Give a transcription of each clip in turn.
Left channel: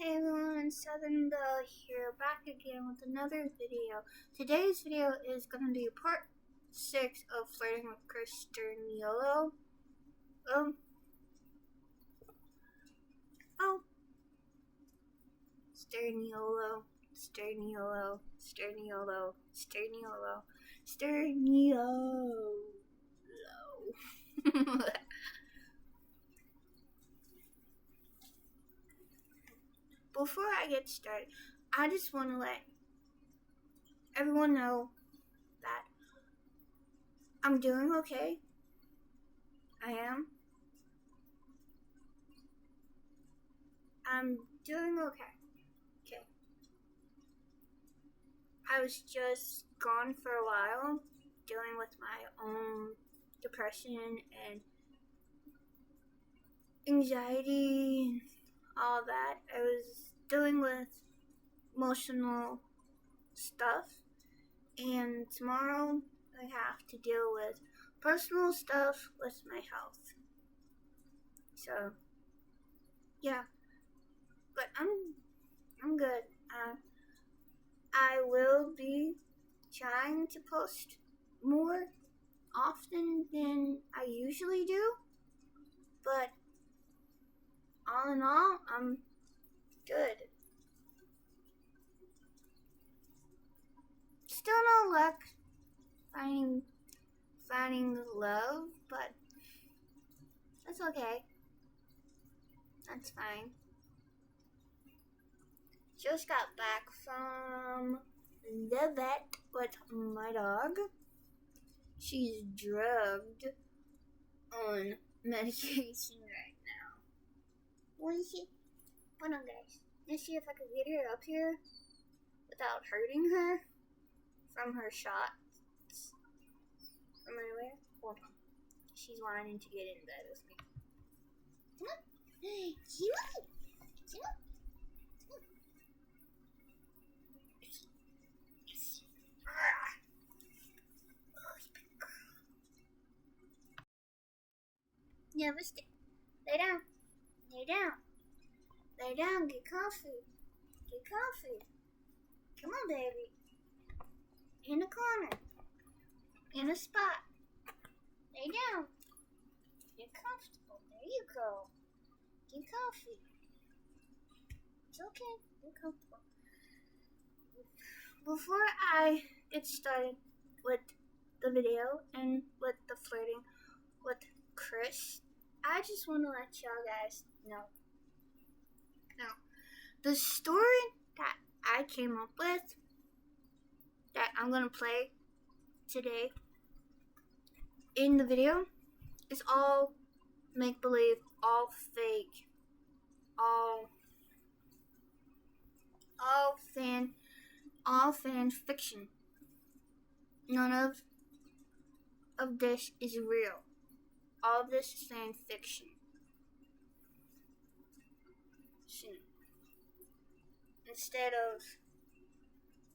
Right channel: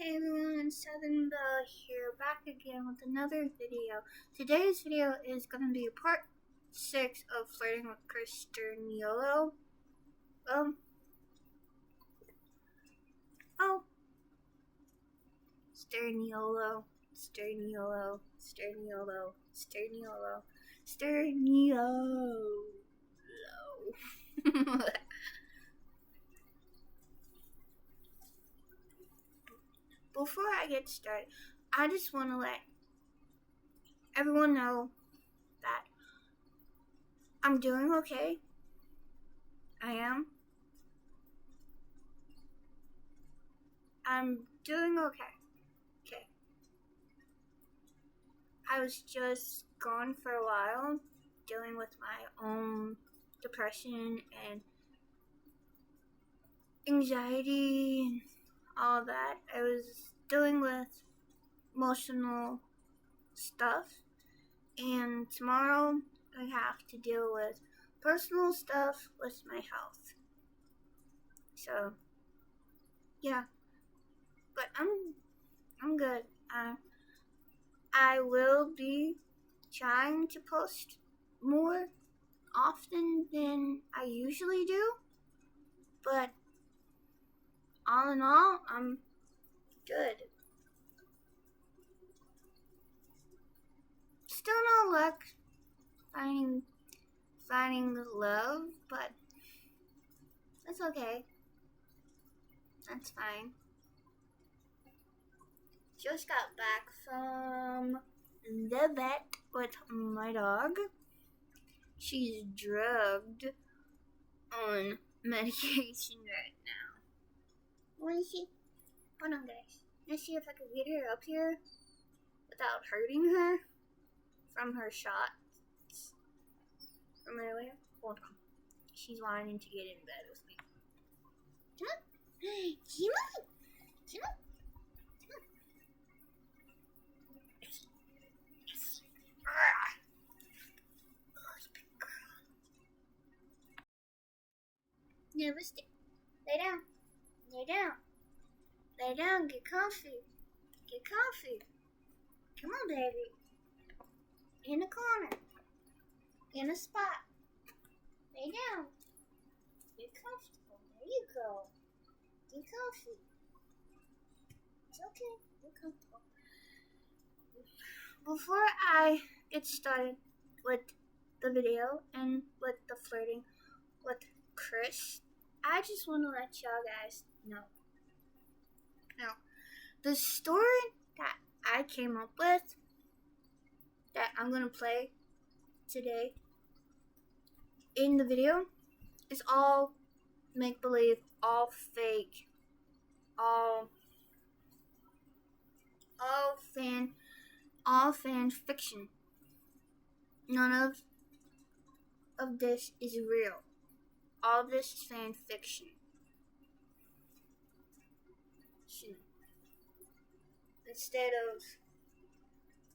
Hey everyone, Southern Belle here, back again with another video. Today's video is going to be part 6 of Flirting with Sturniolo. Sturniolo, Sturniolo, Sturniolo, Sturniolo, Sturniolo. Before I get started, I just want to let everyone know that I'm doing okay. I am. I'm doing okay. Okay. I was just gone for a while, dealing with my own depression and anxiety and all that. I was dealing with emotional stuff, and tomorrow I have to deal with personal stuff with my health. So, yeah. But I'm good. I will be trying to post more often than I usually do, but all in all, I'm good. Still no luck finding love, but that's okay. That's fine. Just got back from the vet with my dog. She's drugged on medication right now. Want to see? Hold on, guys. Let's see if I can get her up here without hurting her from her shots from earlier. Hold on. She's wanting to get in bed with me. Come on. Come on. Come on. Yeah, let's lay down. Lay down. Lay down. Get comfy. Get comfy. Come on, baby. In the corner. In a spot. Lay down. Get comfortable. There you go. Get comfy. It's okay. Get comfortable. Before I get started with the video and with the flirting with Chris, I just want to let y'all guys know. Now, the story that I came up with that I'm going to play today in the video is all make-believe, all fake, all fan fiction. None of this is real. All of this is fan fiction. Instead of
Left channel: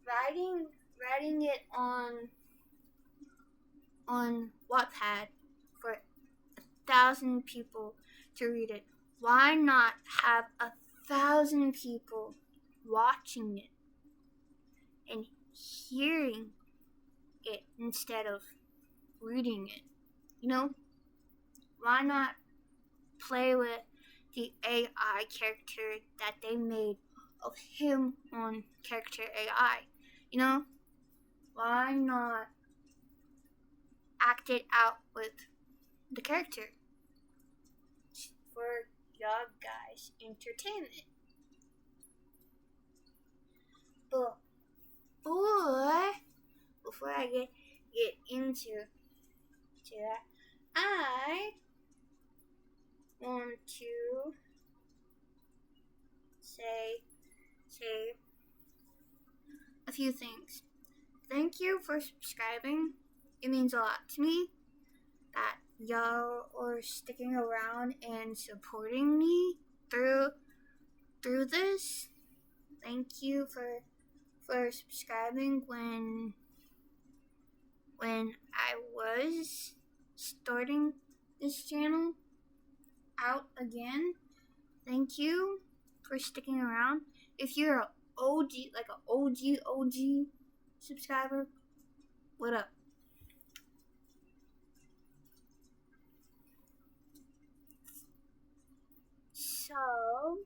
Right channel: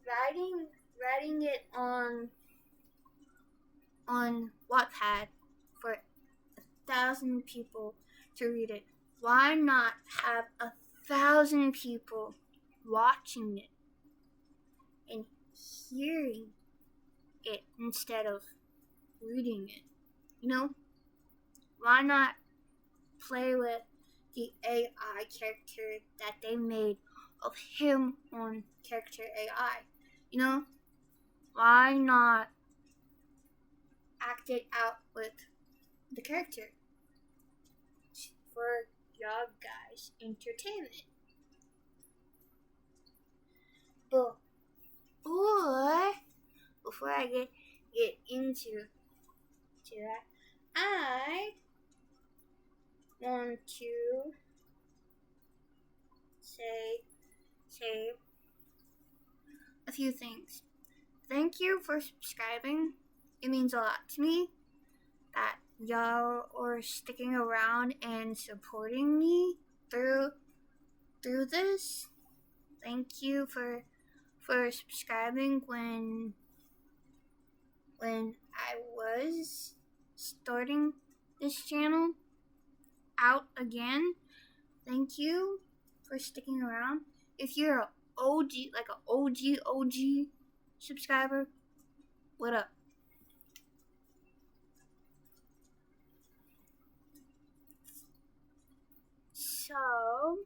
writing it on Wattpad for 1,000 people to read it, why not have 1,000 people watching it and hearing it instead of reading it? You know? Why not play with the AI character that they made of him on character AI? You know? Why not act it out with the character for y'all guys' entertainment? But before I get into that, I want to say a few things. Thank you for subscribing. It means a lot to me that y'all are sticking around and supporting me through this. Thank you for subscribing when I was starting this channel out again. Thank you. for sticking around. If you're an OG, like an OG subscriber, what up? So,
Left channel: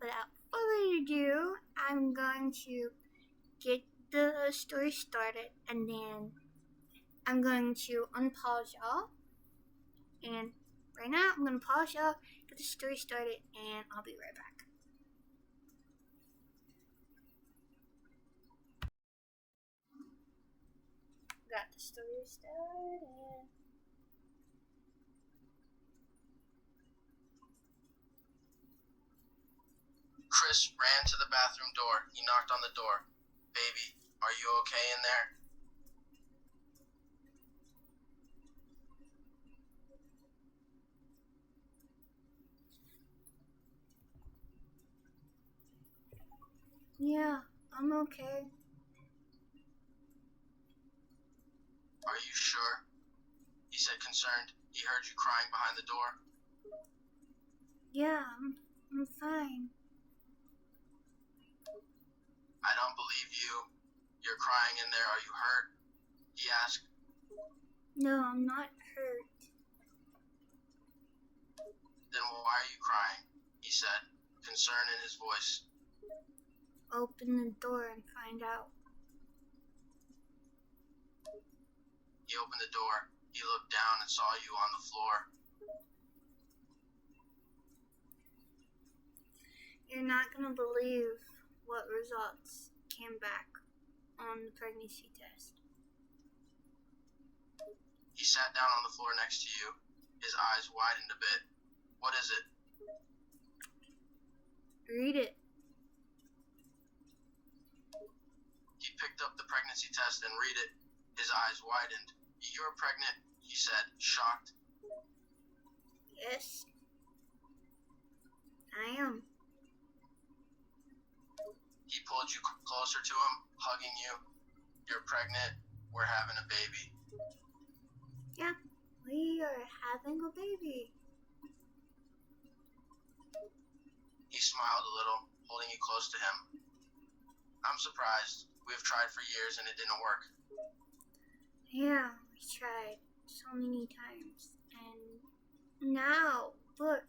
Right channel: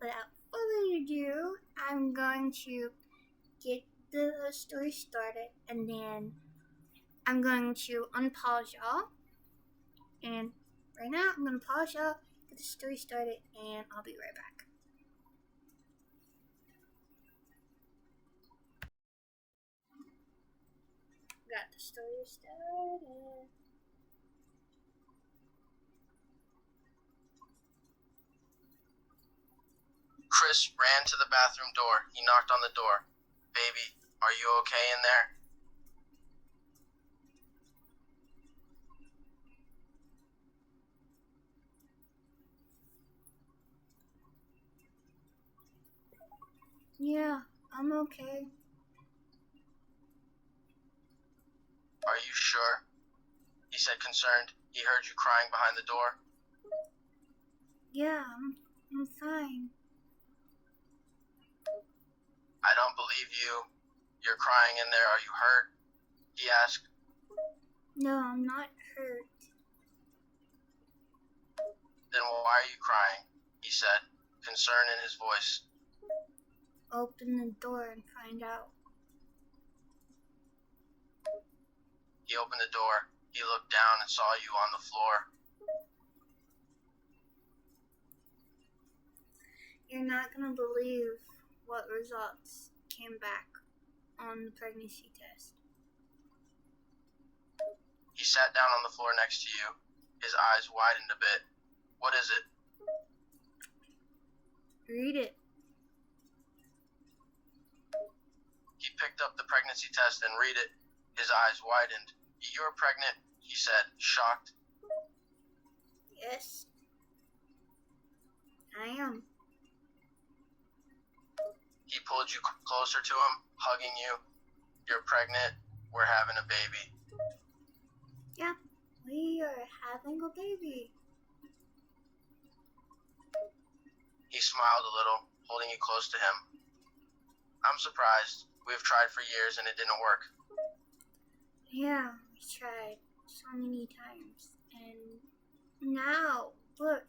without further ado, I'm going to get the story started, and then I'm going to unpause y'all. And right now, I'm going to pause y'all, get the story started, and I'll be right back. Got the story started. Chris ran to the bathroom door. He knocked on the door. "Baby, are you okay in there?" Yeah, I'm okay. "Are you sure?" he said, concerned. He heard you crying behind the door. Yeah, I'm fine. "I don't believe you. You're crying in there. Are you hurt?" he asked. No, I'm not hurt. "Then why are you crying?" he said, concern in his voice. Open the door and find out. He opened the door. He looked down and saw you on the floor. You're not gonna believe what results came back on the pregnancy test. He sat down on the floor next to you. His eyes widened a bit. "What is it?" Read it. He picked up the pregnancy test and read it. His eyes widened. "You're pregnant," he said, shocked. Yes, I am. He pulled you closer to him, hugging you. "You're pregnant. We're having a baby." Yeah, we are having a baby. He smiled a little, holding you close to him. "I'm surprised. We've tried for years and it didn't work." Yeah, we tried so many times. And now, look,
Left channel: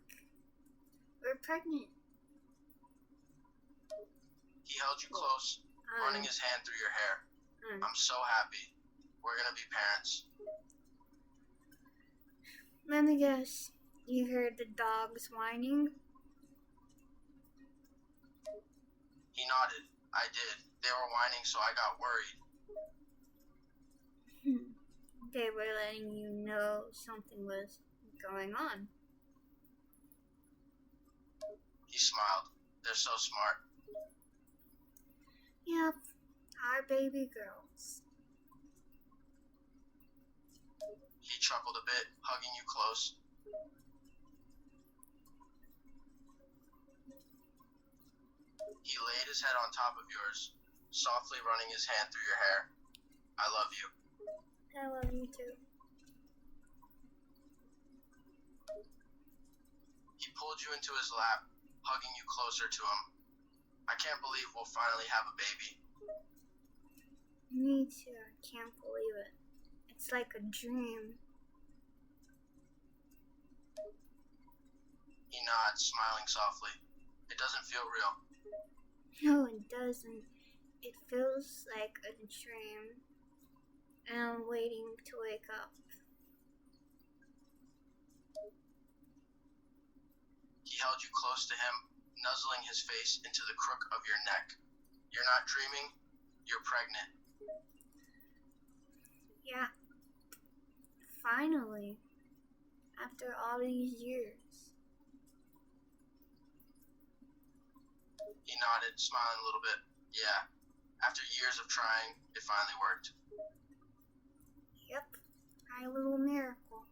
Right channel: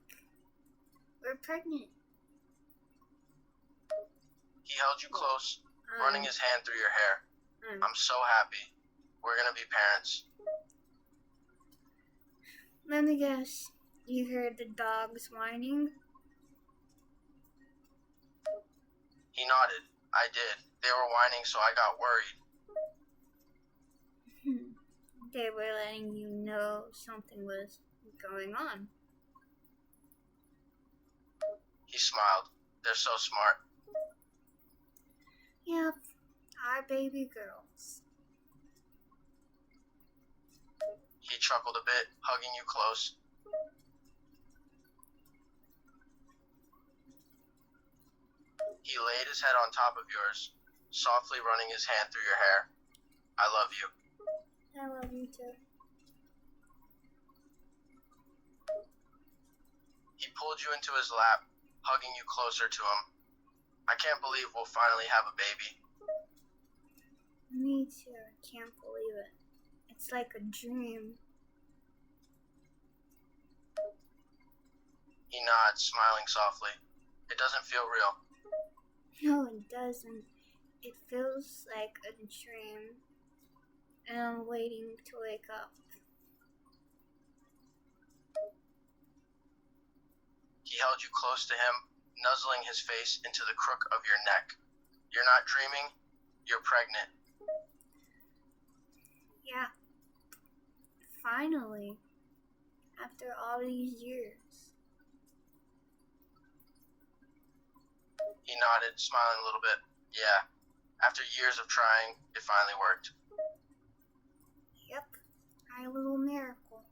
we're pregnant. He held you close, running his hand through your hair. "I'm so happy. We're gonna be parents." Let me guess, you heard the dogs whining? He nodded. "I did. They were whining, so I got worried." They were letting you know something was going on. He smiled. "They're so smart." Yep, our baby girls. He chuckled a bit, hugging you close. He laid his head on top of yours, softly running his hand through your hair. "I love you." I love you too. He pulled you into his lap, hugging you closer to him. "I can't believe we'll finally have a baby." Me too, I can't believe it. It's like a dream. He nods, smiling softly. "It doesn't feel real." No, it doesn't. It feels like a dream. And I'm waiting to wake up. He held you close to him, nuzzling his face into the crook of your neck. "You're not dreaming. You're pregnant." Yeah. Finally. After all these years. He nodded, smiling a little bit. "Yeah. After years of trying, it finally worked." Yep. Our little miracle.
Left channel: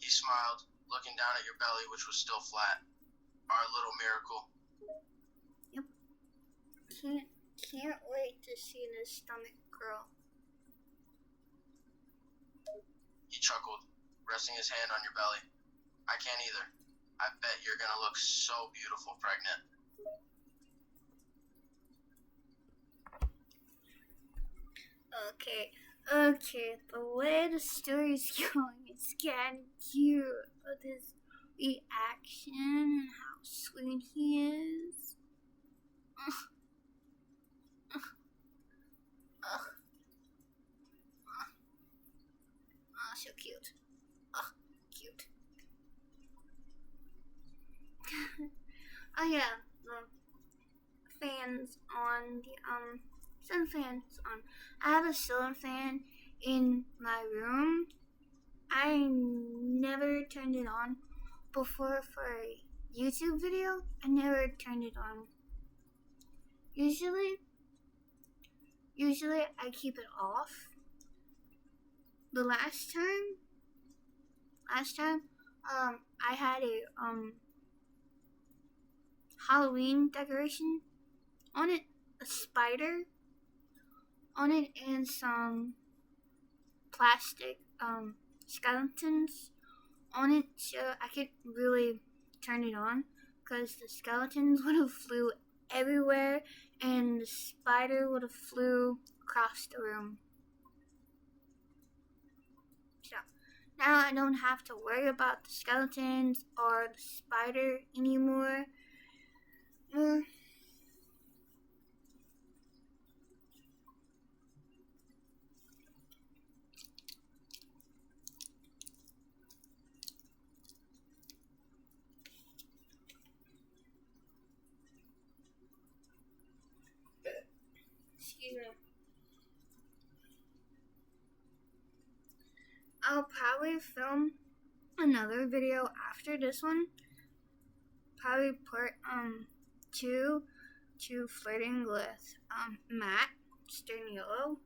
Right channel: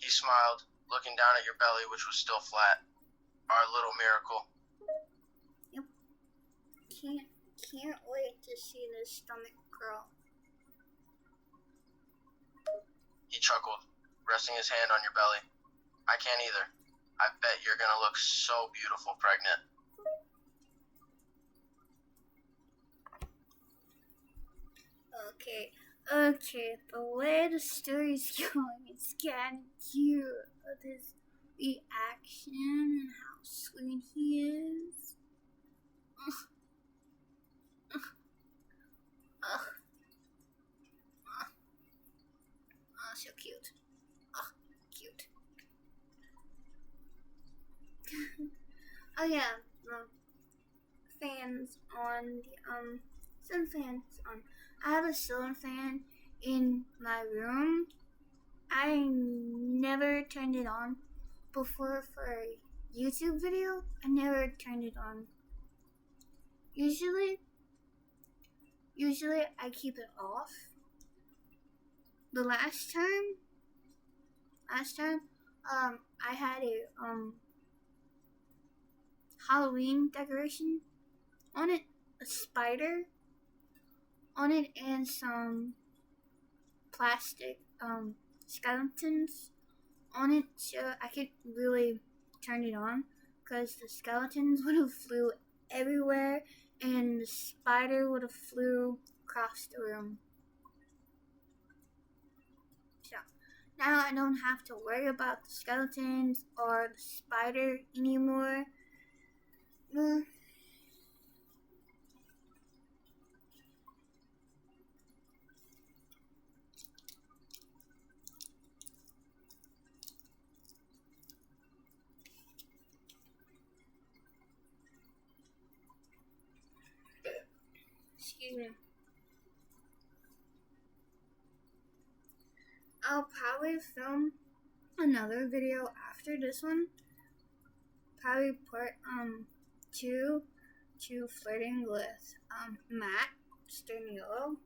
He smiled, looking down at your belly, which was still flat. "Our little miracle." Yep. Can't wait to see this stomach grow. He chuckled, resting his hand on your belly. I can't either. I bet you're gonna look so beautiful pregnant. Okay, the way the story's going is kind of cute. With his reaction and how sweet he is. So cute. Cute. Oh yeah, the fans on the sun fans on. I have a ceiling fan in my room. I never turned it on before for a YouTube video. I never turned it on. Usually I keep it off. The last time I had a Halloween decoration on it, a spider on it, and some plastic skeletons on it, so I could really turn it on, because the skeletons would have flew everywhere and the spider would have flew across the room. So now I don't have to worry about the skeletons or the spider anymore. Excuse me. I'll probably film another video after this one. Probably part 2 to flirting with Matt Sturniolo.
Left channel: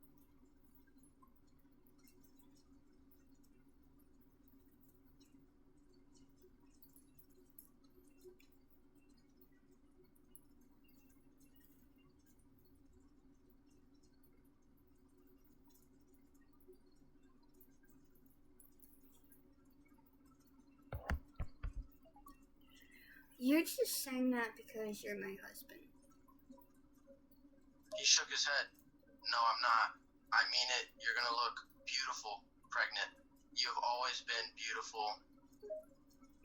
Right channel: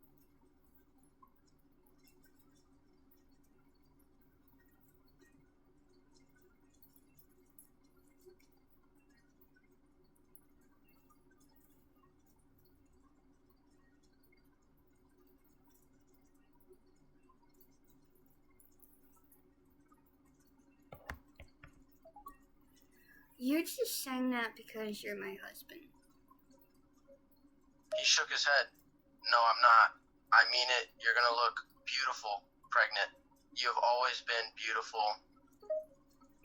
You're just saying that because you're my husband. He shook his head. No, I'm not. I mean it. You're gonna look beautiful pregnant. You have always been beautiful.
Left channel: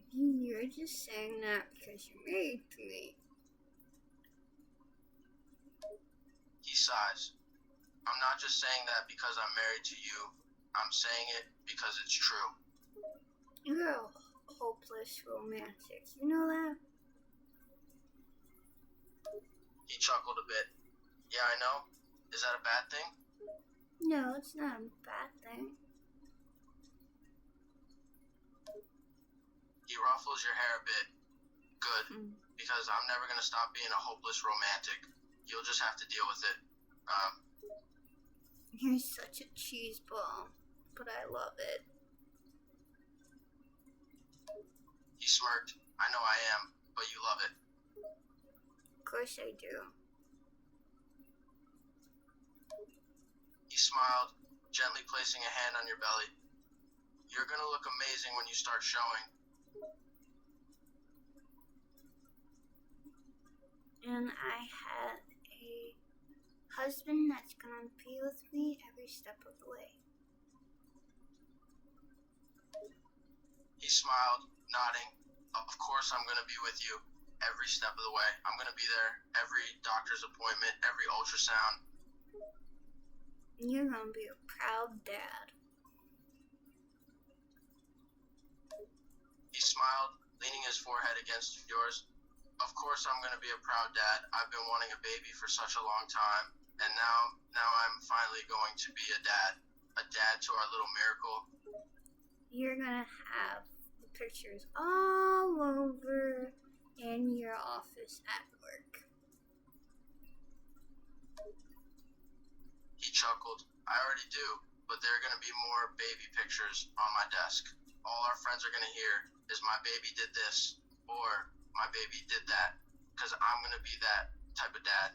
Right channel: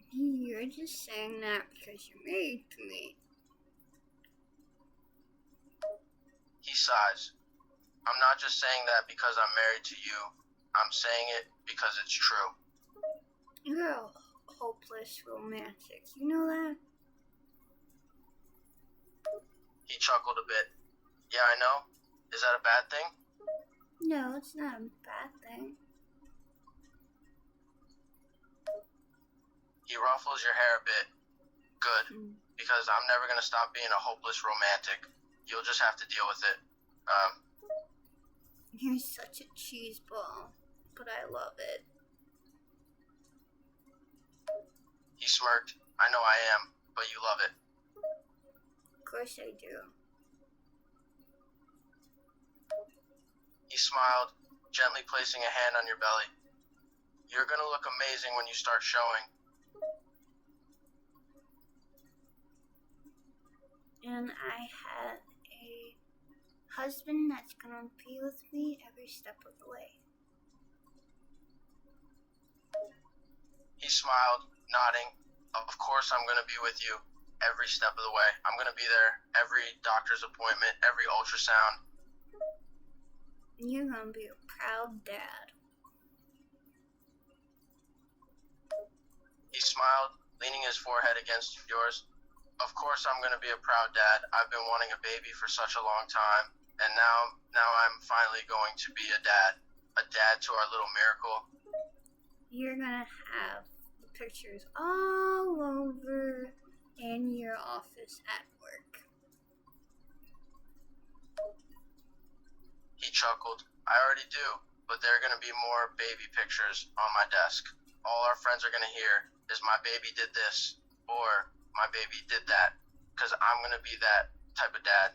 You're just saying that because you're married to me. He sighs. I'm not just saying that because I'm married to you. I'm saying it because it's true. You're a hopeless romantic. You know that? He chuckled a bit. Yeah, I know. Is that a bad thing? No, it's not a bad thing. He ruffles your hair a bit. Good. Because I'm never going to stop being a hopeless romantic. You'll just have to deal with it. You're such a cheese ball, but I love it. He smirked. I know I am, but you love it. Of course I do. He smiled, gently placing a hand on your belly. You're going to look amazing when you start showing. And I have a husband that's gonna be with me every step of the way. He smiled, nodding. Of course I'm going to be with you every step of the way. I'm going to be there every doctor's appointment, every ultrasound. You're gonna be a proud dad. He smiled, leaning his forehead against yours. Of course I'm going to be a proud dad. I've been wanting a baby for such a long time, and now I'm finally going to be a dad. A dad to our little miracle. You're gonna have the pictures all over in your office at work. He chuckled. I already do, but there are going to be more baby pictures on my desk. All our friends are going to hear is my baby did this, or my baby did that, because I'm going to be that type of dad.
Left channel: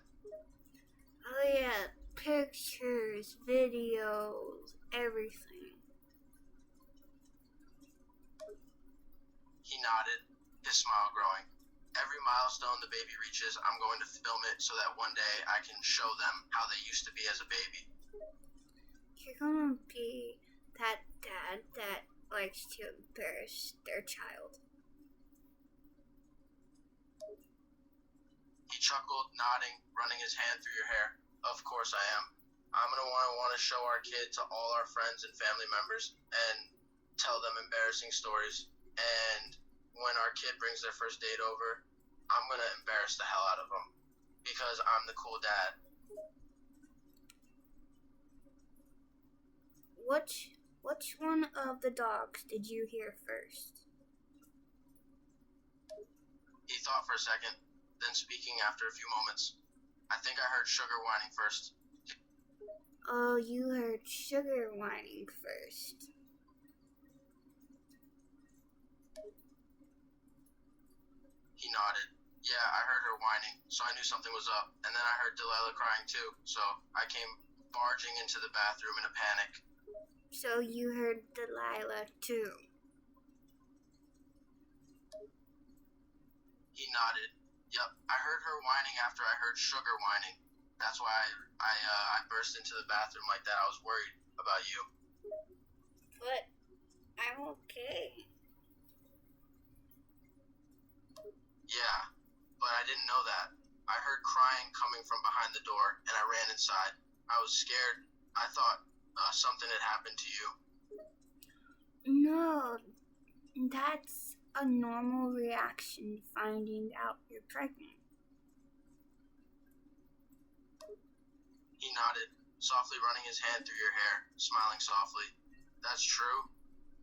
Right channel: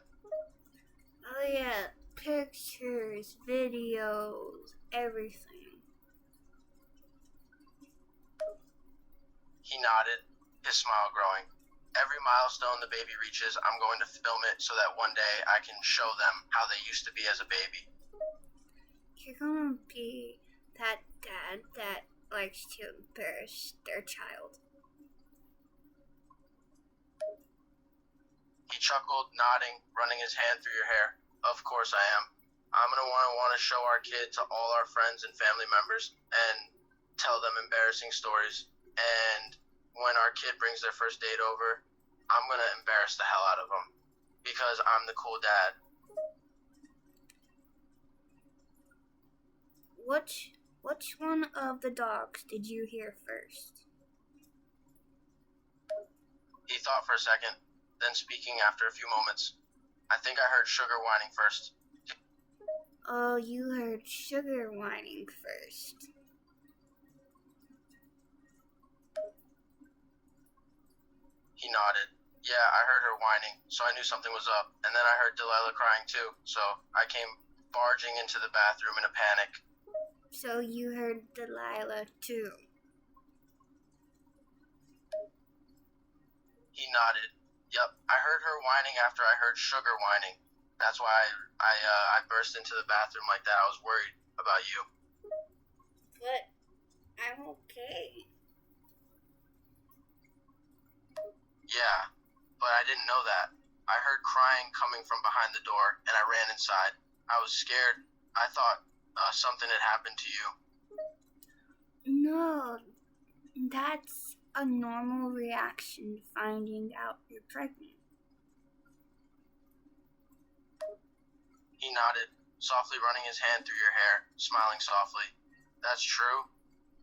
Oh yeah, pictures, videos, everything. nodded, his smile growing. Every milestone the baby reaches, I'm going to film it so that one day I can show them how they used to be as a baby. You're gonna be that dad that likes to embarrass their child. He chuckled, nodding, running his hand through your hair. Of course I am. I'm going to want to show our kid to all our friends and family members and tell them embarrassing stories. And when our kid brings their first date over, I'm going to embarrass the hell out of them because I'm the cool dad. Which one of the dogs did you hear first? He thought for a second, then speaking after a few moments. I think I heard Sugar whining first. Oh, you heard Sugar whining first. He nodded. Yeah, I heard her whining, so I knew something was up. And then I heard Delilah crying too, so I came barging into the bathroom in a panic. So you heard Delilah too. He nodded. Yep, I heard her whining after I heard Sugar whining. That's why I burst into the bathroom like that. I was worried about you. But I'm okay. Yeah, but I didn't know that. I heard crying coming from behind the door, and I ran inside. I was scared. I thought something had happened to you. No, that's a normal reaction finding out you're pregnant. He nodded, softly running his hand through your hair, smiling softly. That's true,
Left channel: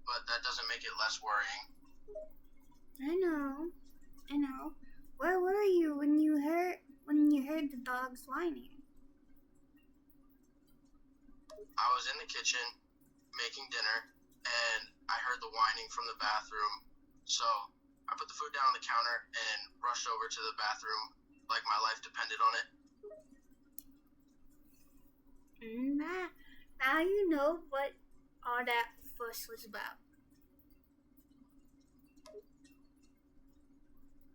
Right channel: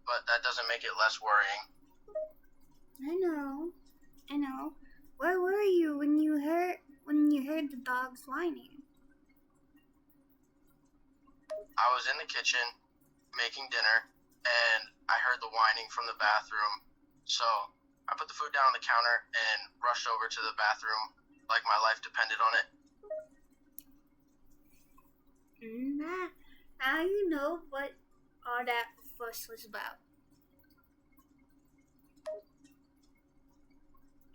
but that doesn't make it less worrying. I know. Where were you when you heard the dogs whining? I was in the kitchen making dinner, and I heard the whining from the bathroom. So I put the food down on the counter and rushed over to the bathroom like my life depended on it. Now you know what all that fuss was about.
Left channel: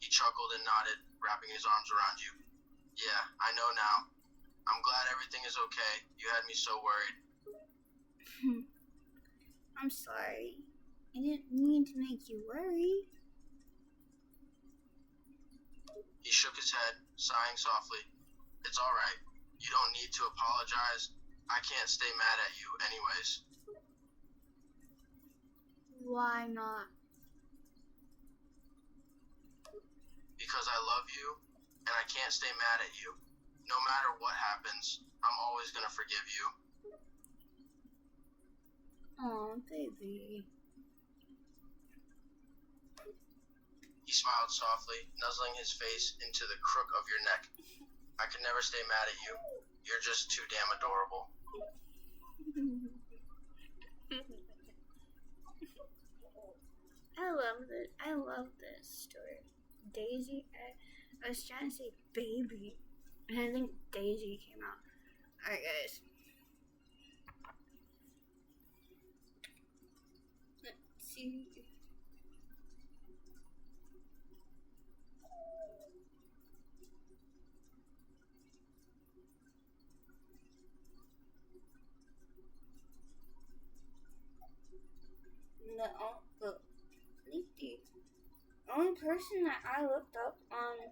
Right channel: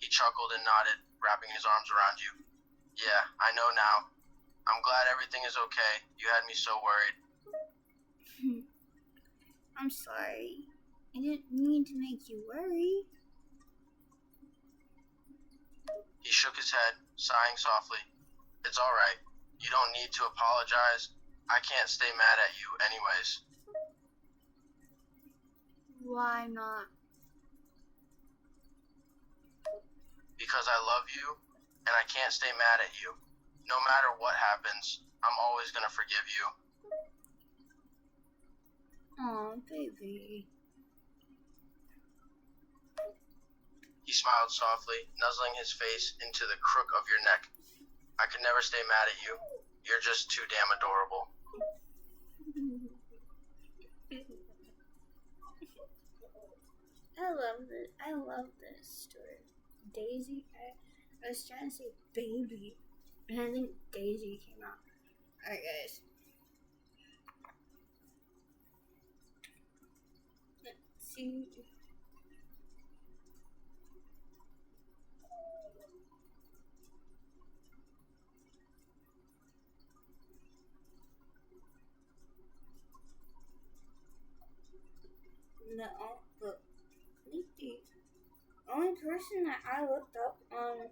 He chuckled and nodded, wrapping his arms around you. Yeah, I know now. I'm glad everything is okay. You had me so worried. I'm sorry. I didn't mean to make you worry. He shook his head, sighing softly. It's all right. You don't need to apologize. I can't stay mad at you anyways. Why not? Because I love you, and I can't stay mad at you. No matter what happens, I'm always gonna forgive you. Aw, baby. He smiled softly, nuzzling his face into the crook of your neck. I could never stay mad at you. You're just too damn adorable. I love this story. Daisy, I was trying to say baby, and I think Daisy came out. Alright, guys. Let's see. The only person that I looked up on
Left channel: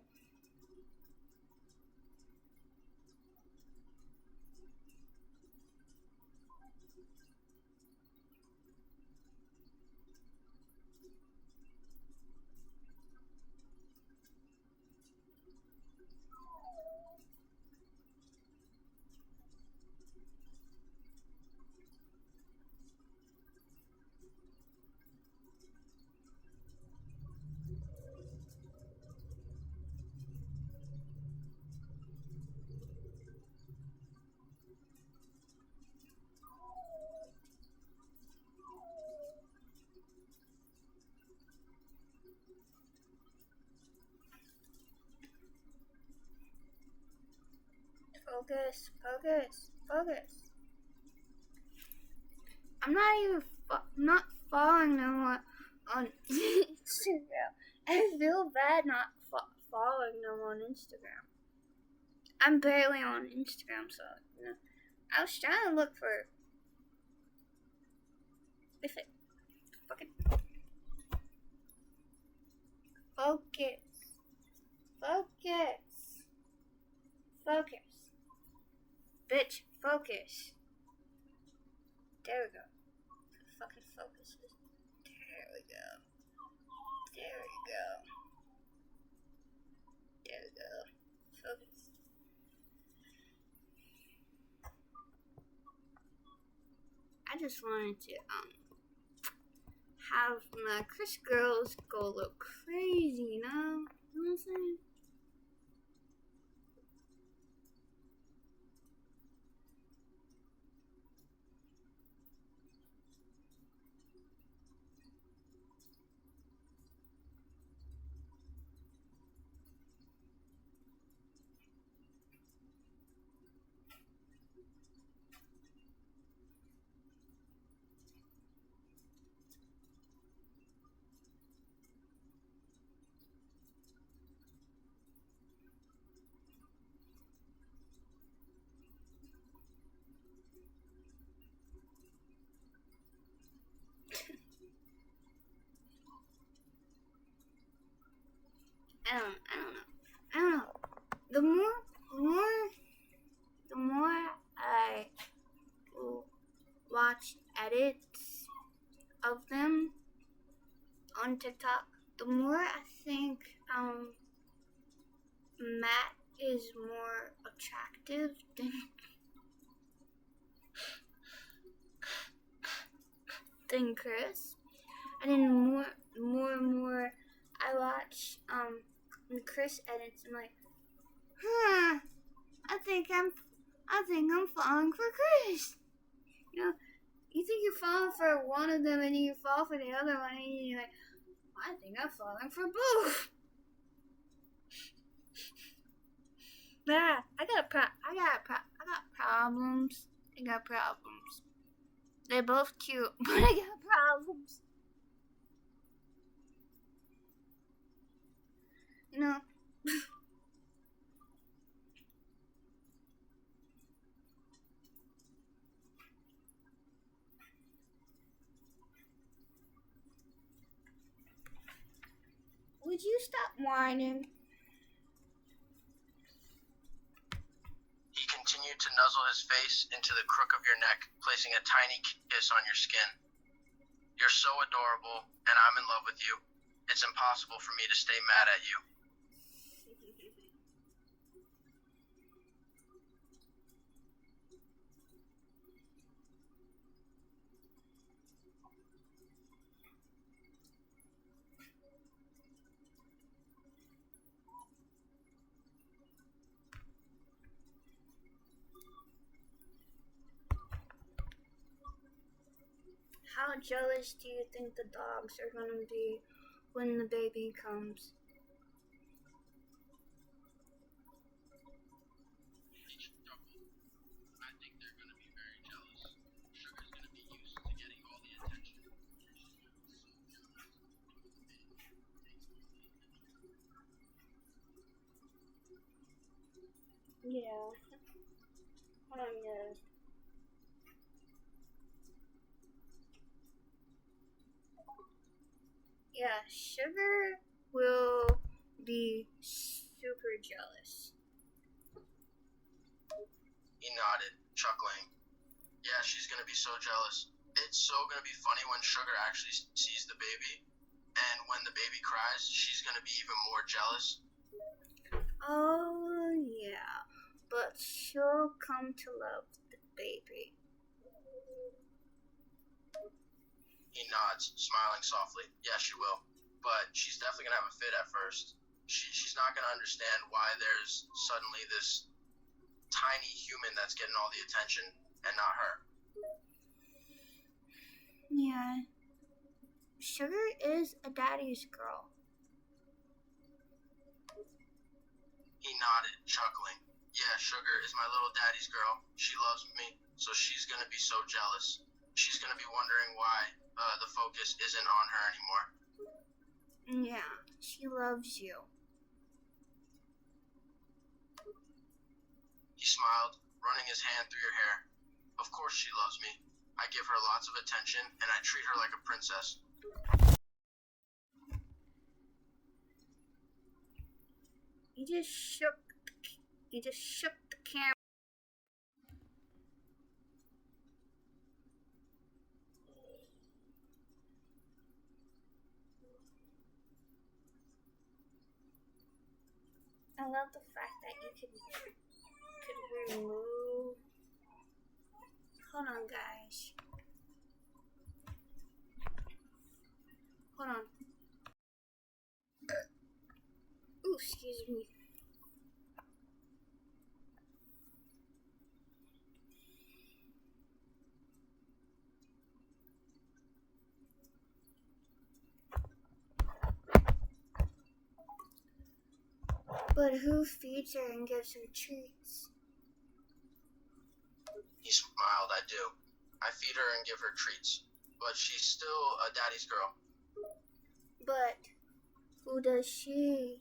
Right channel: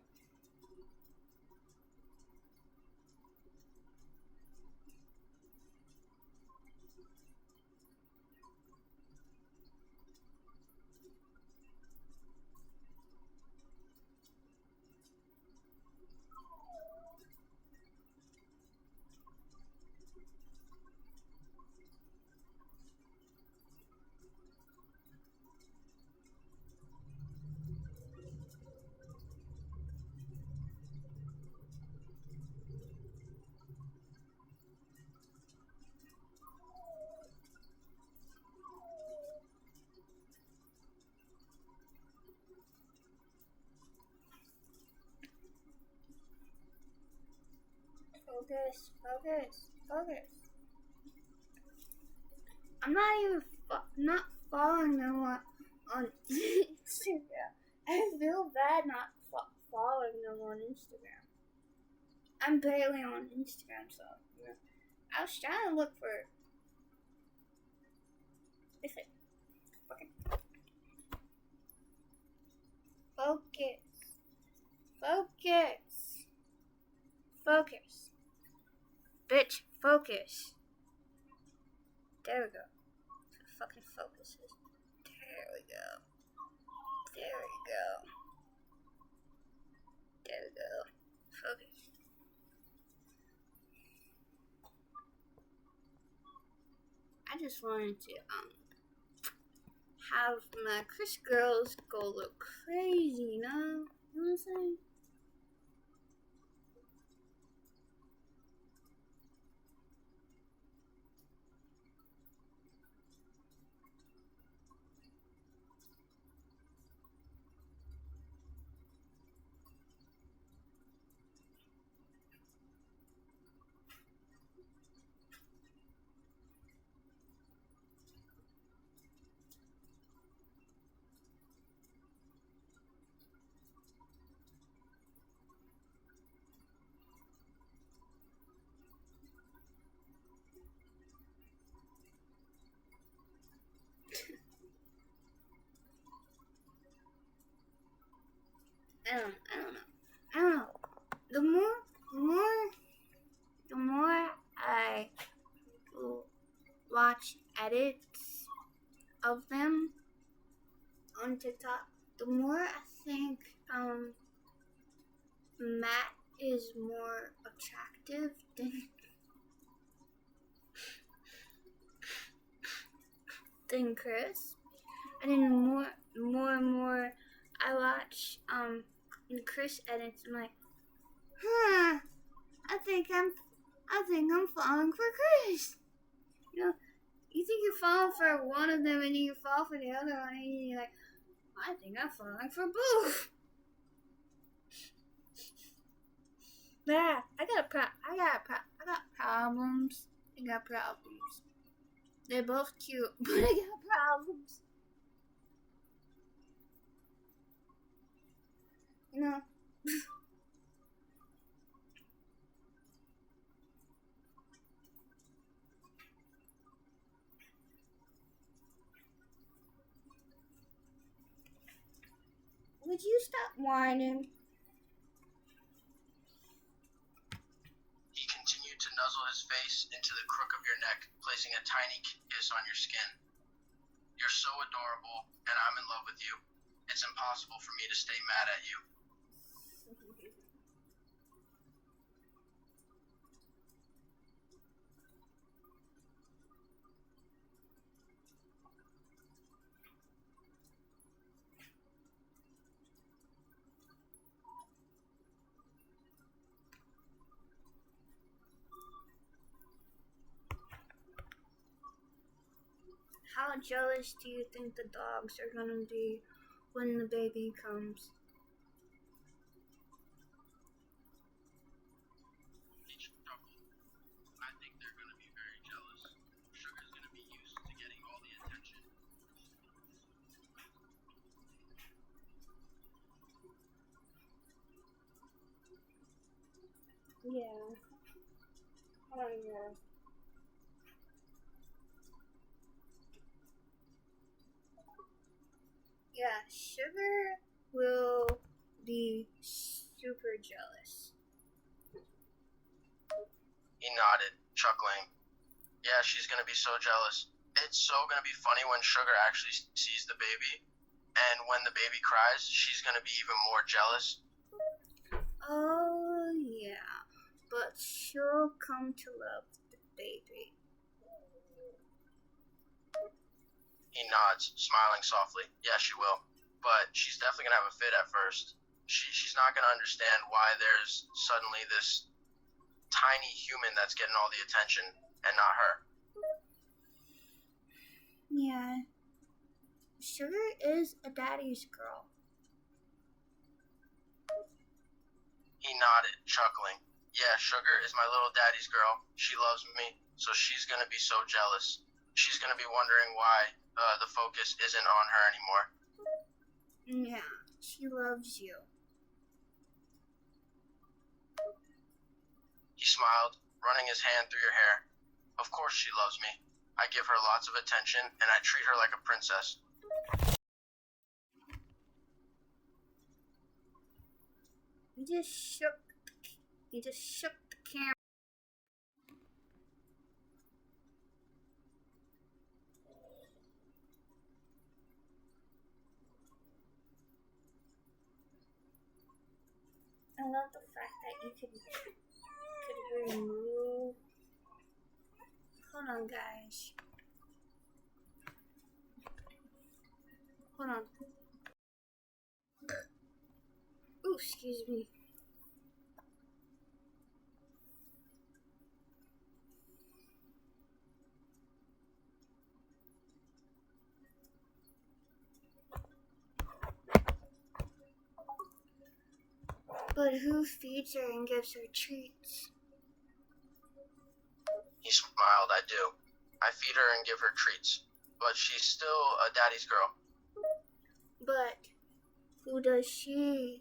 focus. I'm not even not following them on Instagram. feel bad not following them on Instagram. I'm barely on Instagram, so I was trying to look for if it fucking focus, bitch, focus. There we go. Fucking focuses. There we go. Focus. I just wanted to have my Chris girls go look crazy, you know? You know what I'm saying? I don't know. The more I watch edits of them on TikTok, the more I think Matt is more attractive than Chris. And then more I watch Chris edits, I'm like, I think I'm falling for Chris. You know, you think you're falling for one of them and then you fall for the other one and you're like, I think I'm falling for both. Nah, I got problems. I got problems. They're both cute, but I got problems. You know. Would you stop whining? He continued to nuzzle his face into the crook of your neck, placing a tiny kiss on your skin. You're so adorable, and I'm in love with you. It's impossible for me to stay mad at you. How jealous do you think the dogs are gonna be when the baby comes? Yeah. Hold on, yeah. Yeah, Sugar will be super jealous. He nodded, chuckling. Yeah, she's gonna be so jealous. It's so gonna be funny when Sugar actually sees the baby, and when the baby cries, she's gonna be even more jealous. Oh, yeah, but she'll come to love the baby. He nods, smiling softly. Yeah, she will. But she's definitely gonna have a fit at first. She's not gonna understand why there's suddenly this tiny human that's getting all the attention and not her. Yeah. Sugar is a daddy's girl. He nodded, chuckling. Yeah, Sugar is my little daddy's girl. She loves me, so she's gonna be so jealous. She's gonna be wondering why the focus isn't on her anymore. Yeah, she loves you. He smiled, running his hand through your hair. Of course she loves me. I give her lots of attention, and I treat her like a princess. He just shook the camera. I love the fact that you could remove. Hold on, guys. Hold on. Ooh, excuse me. But who feeds her and gives her treats? He smiled. I do. I feed her and give her treats. But she's still a daddy's girl. But who does she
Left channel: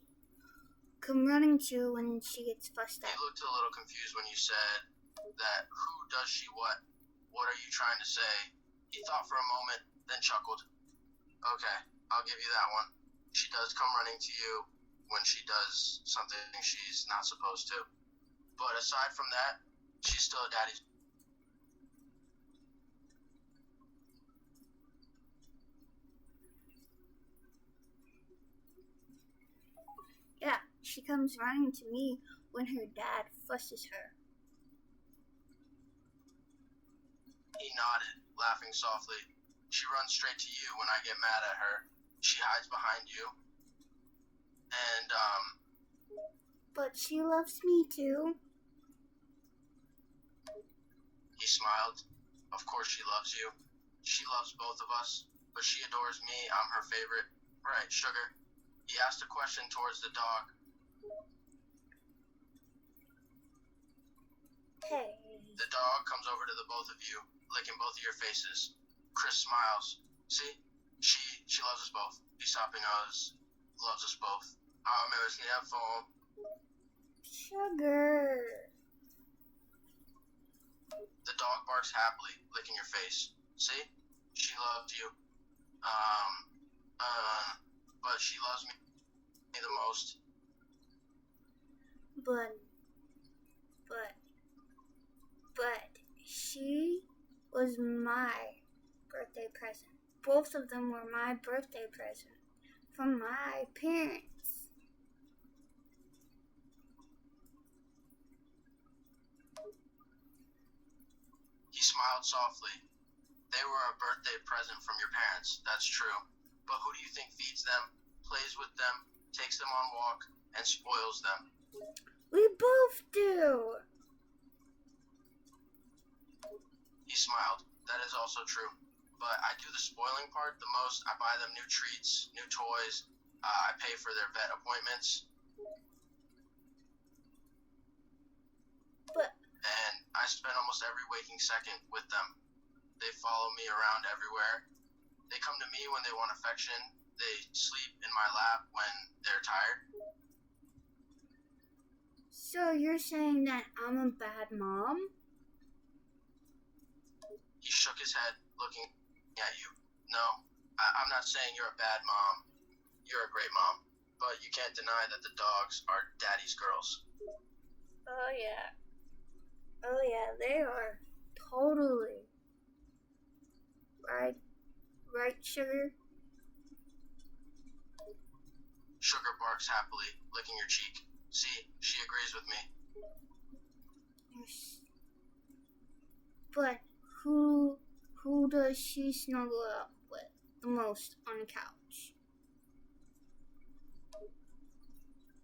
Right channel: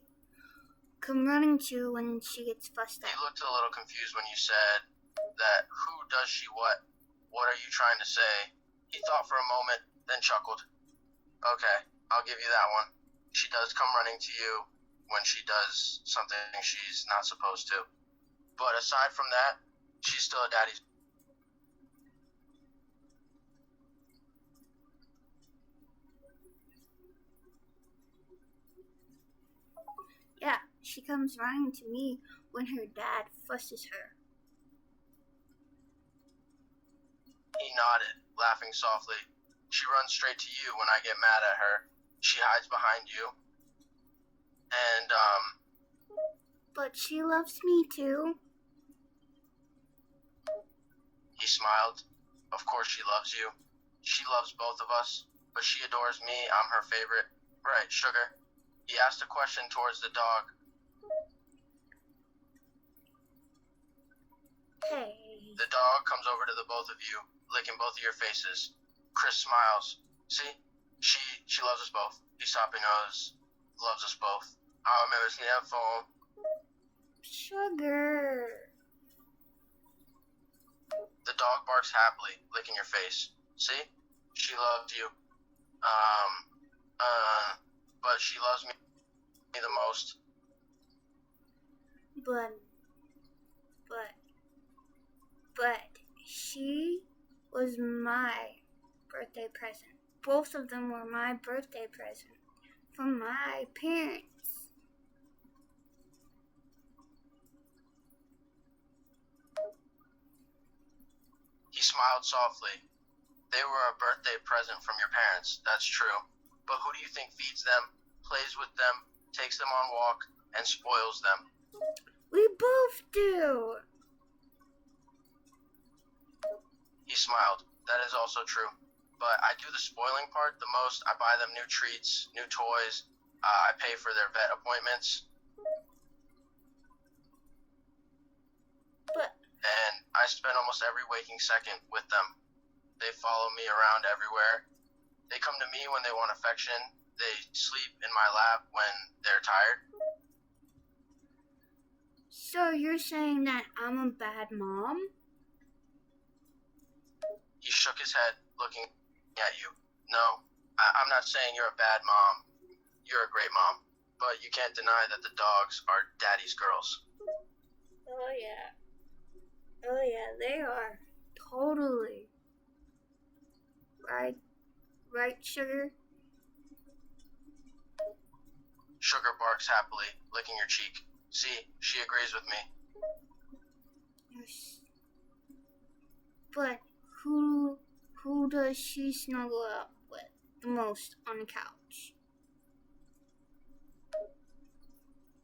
come running to when she gets fussed He at? looked a little confused when you said that who does she what? What are you trying to say? He thought for a moment, then chuckled. Okay, I'll give you that one. She does come running to you when she does something she's not supposed to. But aside from that, she's still a daddy's. Yeah, she comes running to me when her dad fusses her. He nodded, laughing softly. She runs straight to you when I get mad at her. She hides behind you. And, But she loves me too. he smiled. Of course she loves you. She loves both of us, but she adores me. I'm her favorite. Right, sugar? He asked a question towards the dog. Hey. The dog comes over to the both of you, licking both of your faces. Chris smiles. See? She loves us both. Isapi knows, loves us both. I'll remember that phone. Sugar. The dog barks happily, licking your face. See? She loved you. But she loves me the most. But she was my birthday present. Both of them were my birthday present from my parents. He smiled softly. They were a birthday present from your parents, that's true. But who do you think feeds them, plays with them, takes them on walk, and spoils them? We both do. He smiled. That is also true. But I do the spoiling part the most. I buy them new treats, new toys. I pay for their vet appointments. And I spend almost every waking second with them. They follow me around everywhere. They come to me when they want affection. They sleep in my lap when they're tired. So you're saying that I'm a bad mom? He shook his head, looking at you. No, I'm not saying you're a bad mom. You're a great mom. But you can't deny that the dogs are daddy's girls. Oh yeah. Oh yeah, they are. Totally. Right, Sugar? Sugar barks happily, licking your cheek. See, she agrees with me. Yes. But who does she snuggle up with the most on the couch?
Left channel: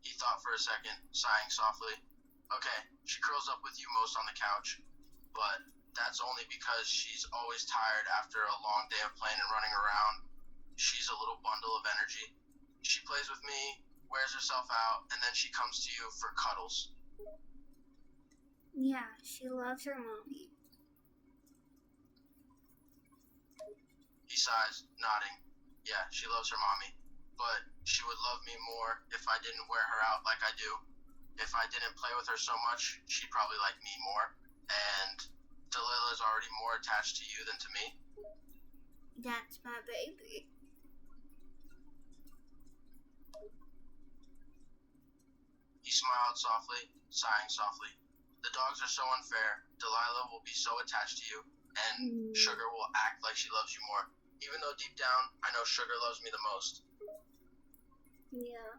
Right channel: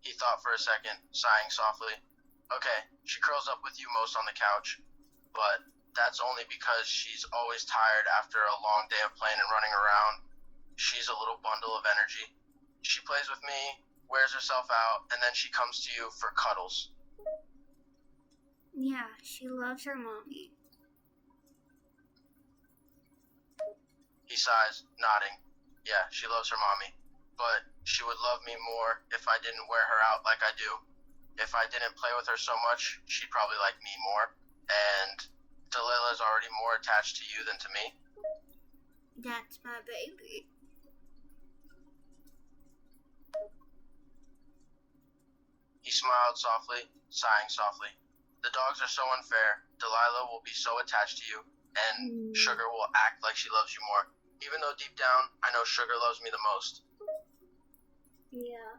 He thought for a second, sighing softly. Okay, she curls up with you most on the couch, but that's only because she's always tired after a long day of playing and running around. She's a little bundle of energy. She plays with me, wears herself out, and then she comes to you for cuddles. Yeah, she loves her mommy. He sighs, nodding. Yeah, she loves her mommy. but she would love me more if I didn't wear her out like I do. If I didn't play with her so much, she'd probably like me more. And Delilah's already more attached to you than to me. That's my baby. He smiled softly, sighing softly. The dogs are so unfair. Delilah will be so attached to you, and Sugar will act like she loves you more. Even though deep down, I know Sugar loves me the most. Yeah,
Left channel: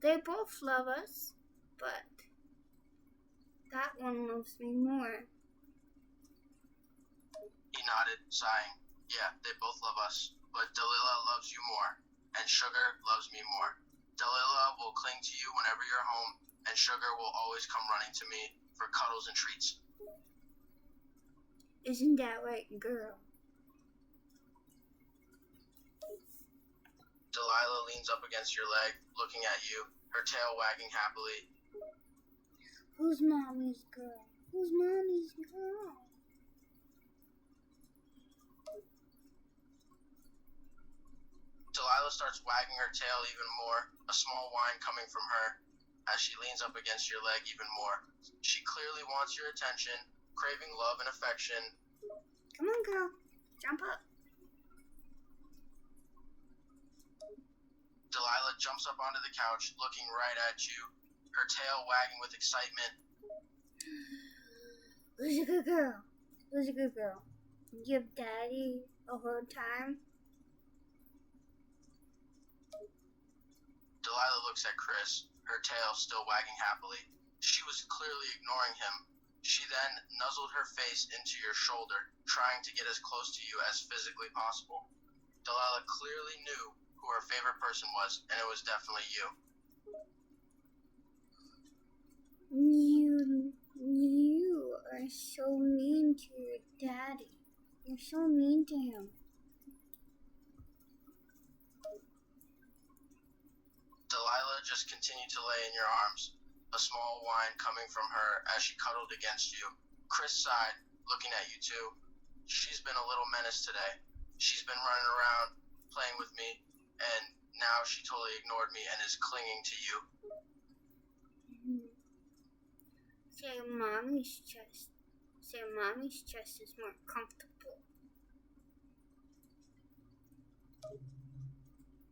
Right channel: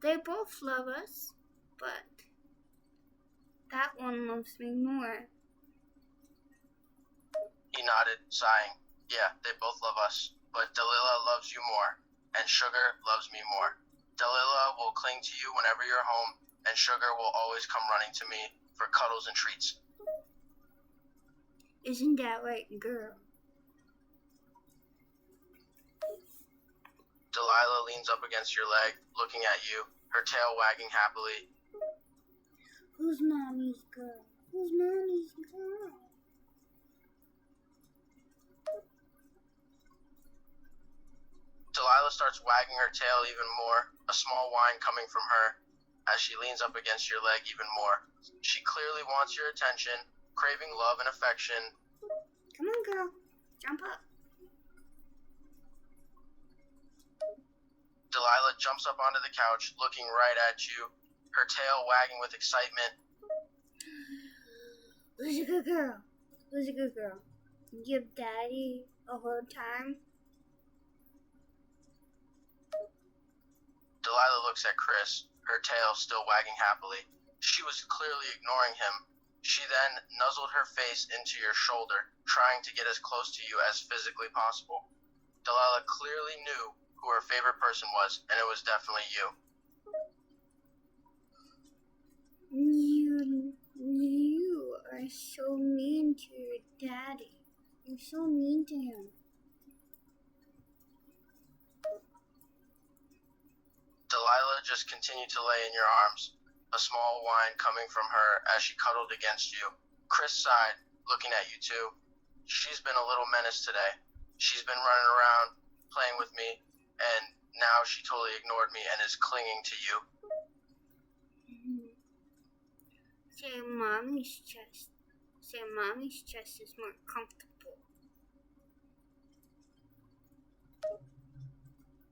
they both love us, but that one loves me more. He nodded, sighing. Yeah, they both love us, but Delilah loves you more, and Sugar loves me more. Delilah will cling to you whenever you're home, and Sugar will always come running to me for cuddles and treats. Isn't that right, girl? Delilah leans up against your leg, looking at you, her tail wagging happily. Who's mommy's girl? Who's mommy's girl? Delilah starts wagging her tail even more, a small whine coming from her as she leans up against your leg even more. She clearly wants your attention, craving love and affection. Come on, girl. Jump up. Delilah jumps up onto the couch, looking right at you, her tail wagging with excitement. Who's a good girl? Who's a good girl? Give Daddy a hard time? Delilah looks at Chris, her tail still wagging happily. She was clearly ignoring him. She then nuzzled her face into your shoulder, trying to get as close to you as physically possible. Delilah clearly knew who her favorite person was, and it was definitely you. You are so mean to your daddy. You're so mean to him. Delilah just continued to lay in your arms, a small whine coming from her as she cuddled against you. Chris sighed, looking at you too. She's been a little menace today. She's been running around, playing with me, and now she totally ignored me and is clinging to you. Say mommy's chest. Say mommy's chest is more comfortable.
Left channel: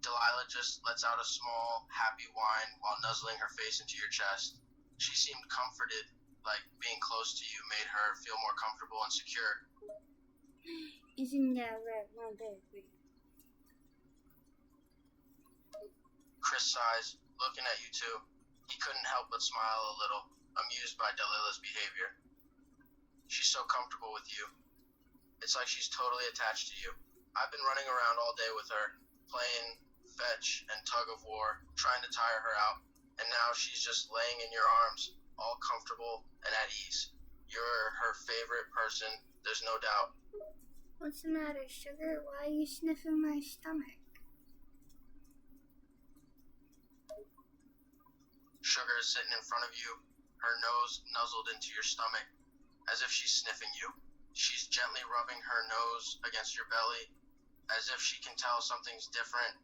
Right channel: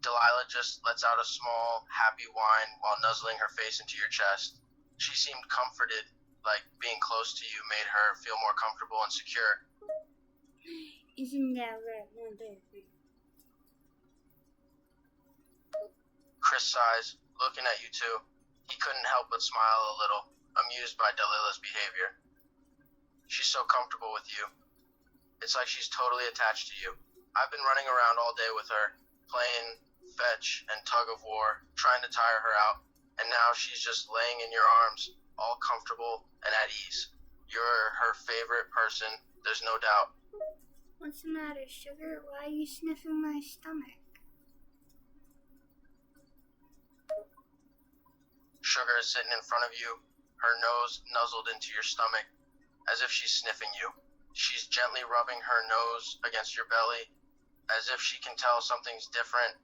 Delilah just lets out a small, happy whine while nuzzling her face into your chest. She seemed comforted, like being close to you made her feel more comfortable and secure. Isn't that right, my baby? Chris sighs, looking at you too. He couldn't help but smile a little, amused by Delilah's behavior. She's so comfortable with you. It's like she's totally attached to you. I've been running around all day with her, playing fetch and tug of war, trying to tire her out, and now she's just laying in your arms, all comfortable and at ease. You're her favorite person, there's no doubt. What's the matter, Sugar? Why are you sniffing my stomach? Sugar is sitting in front of you, her nose nuzzled into your stomach, as if she's sniffing you. She's gently rubbing her nose against your belly, as if she can tell something's different.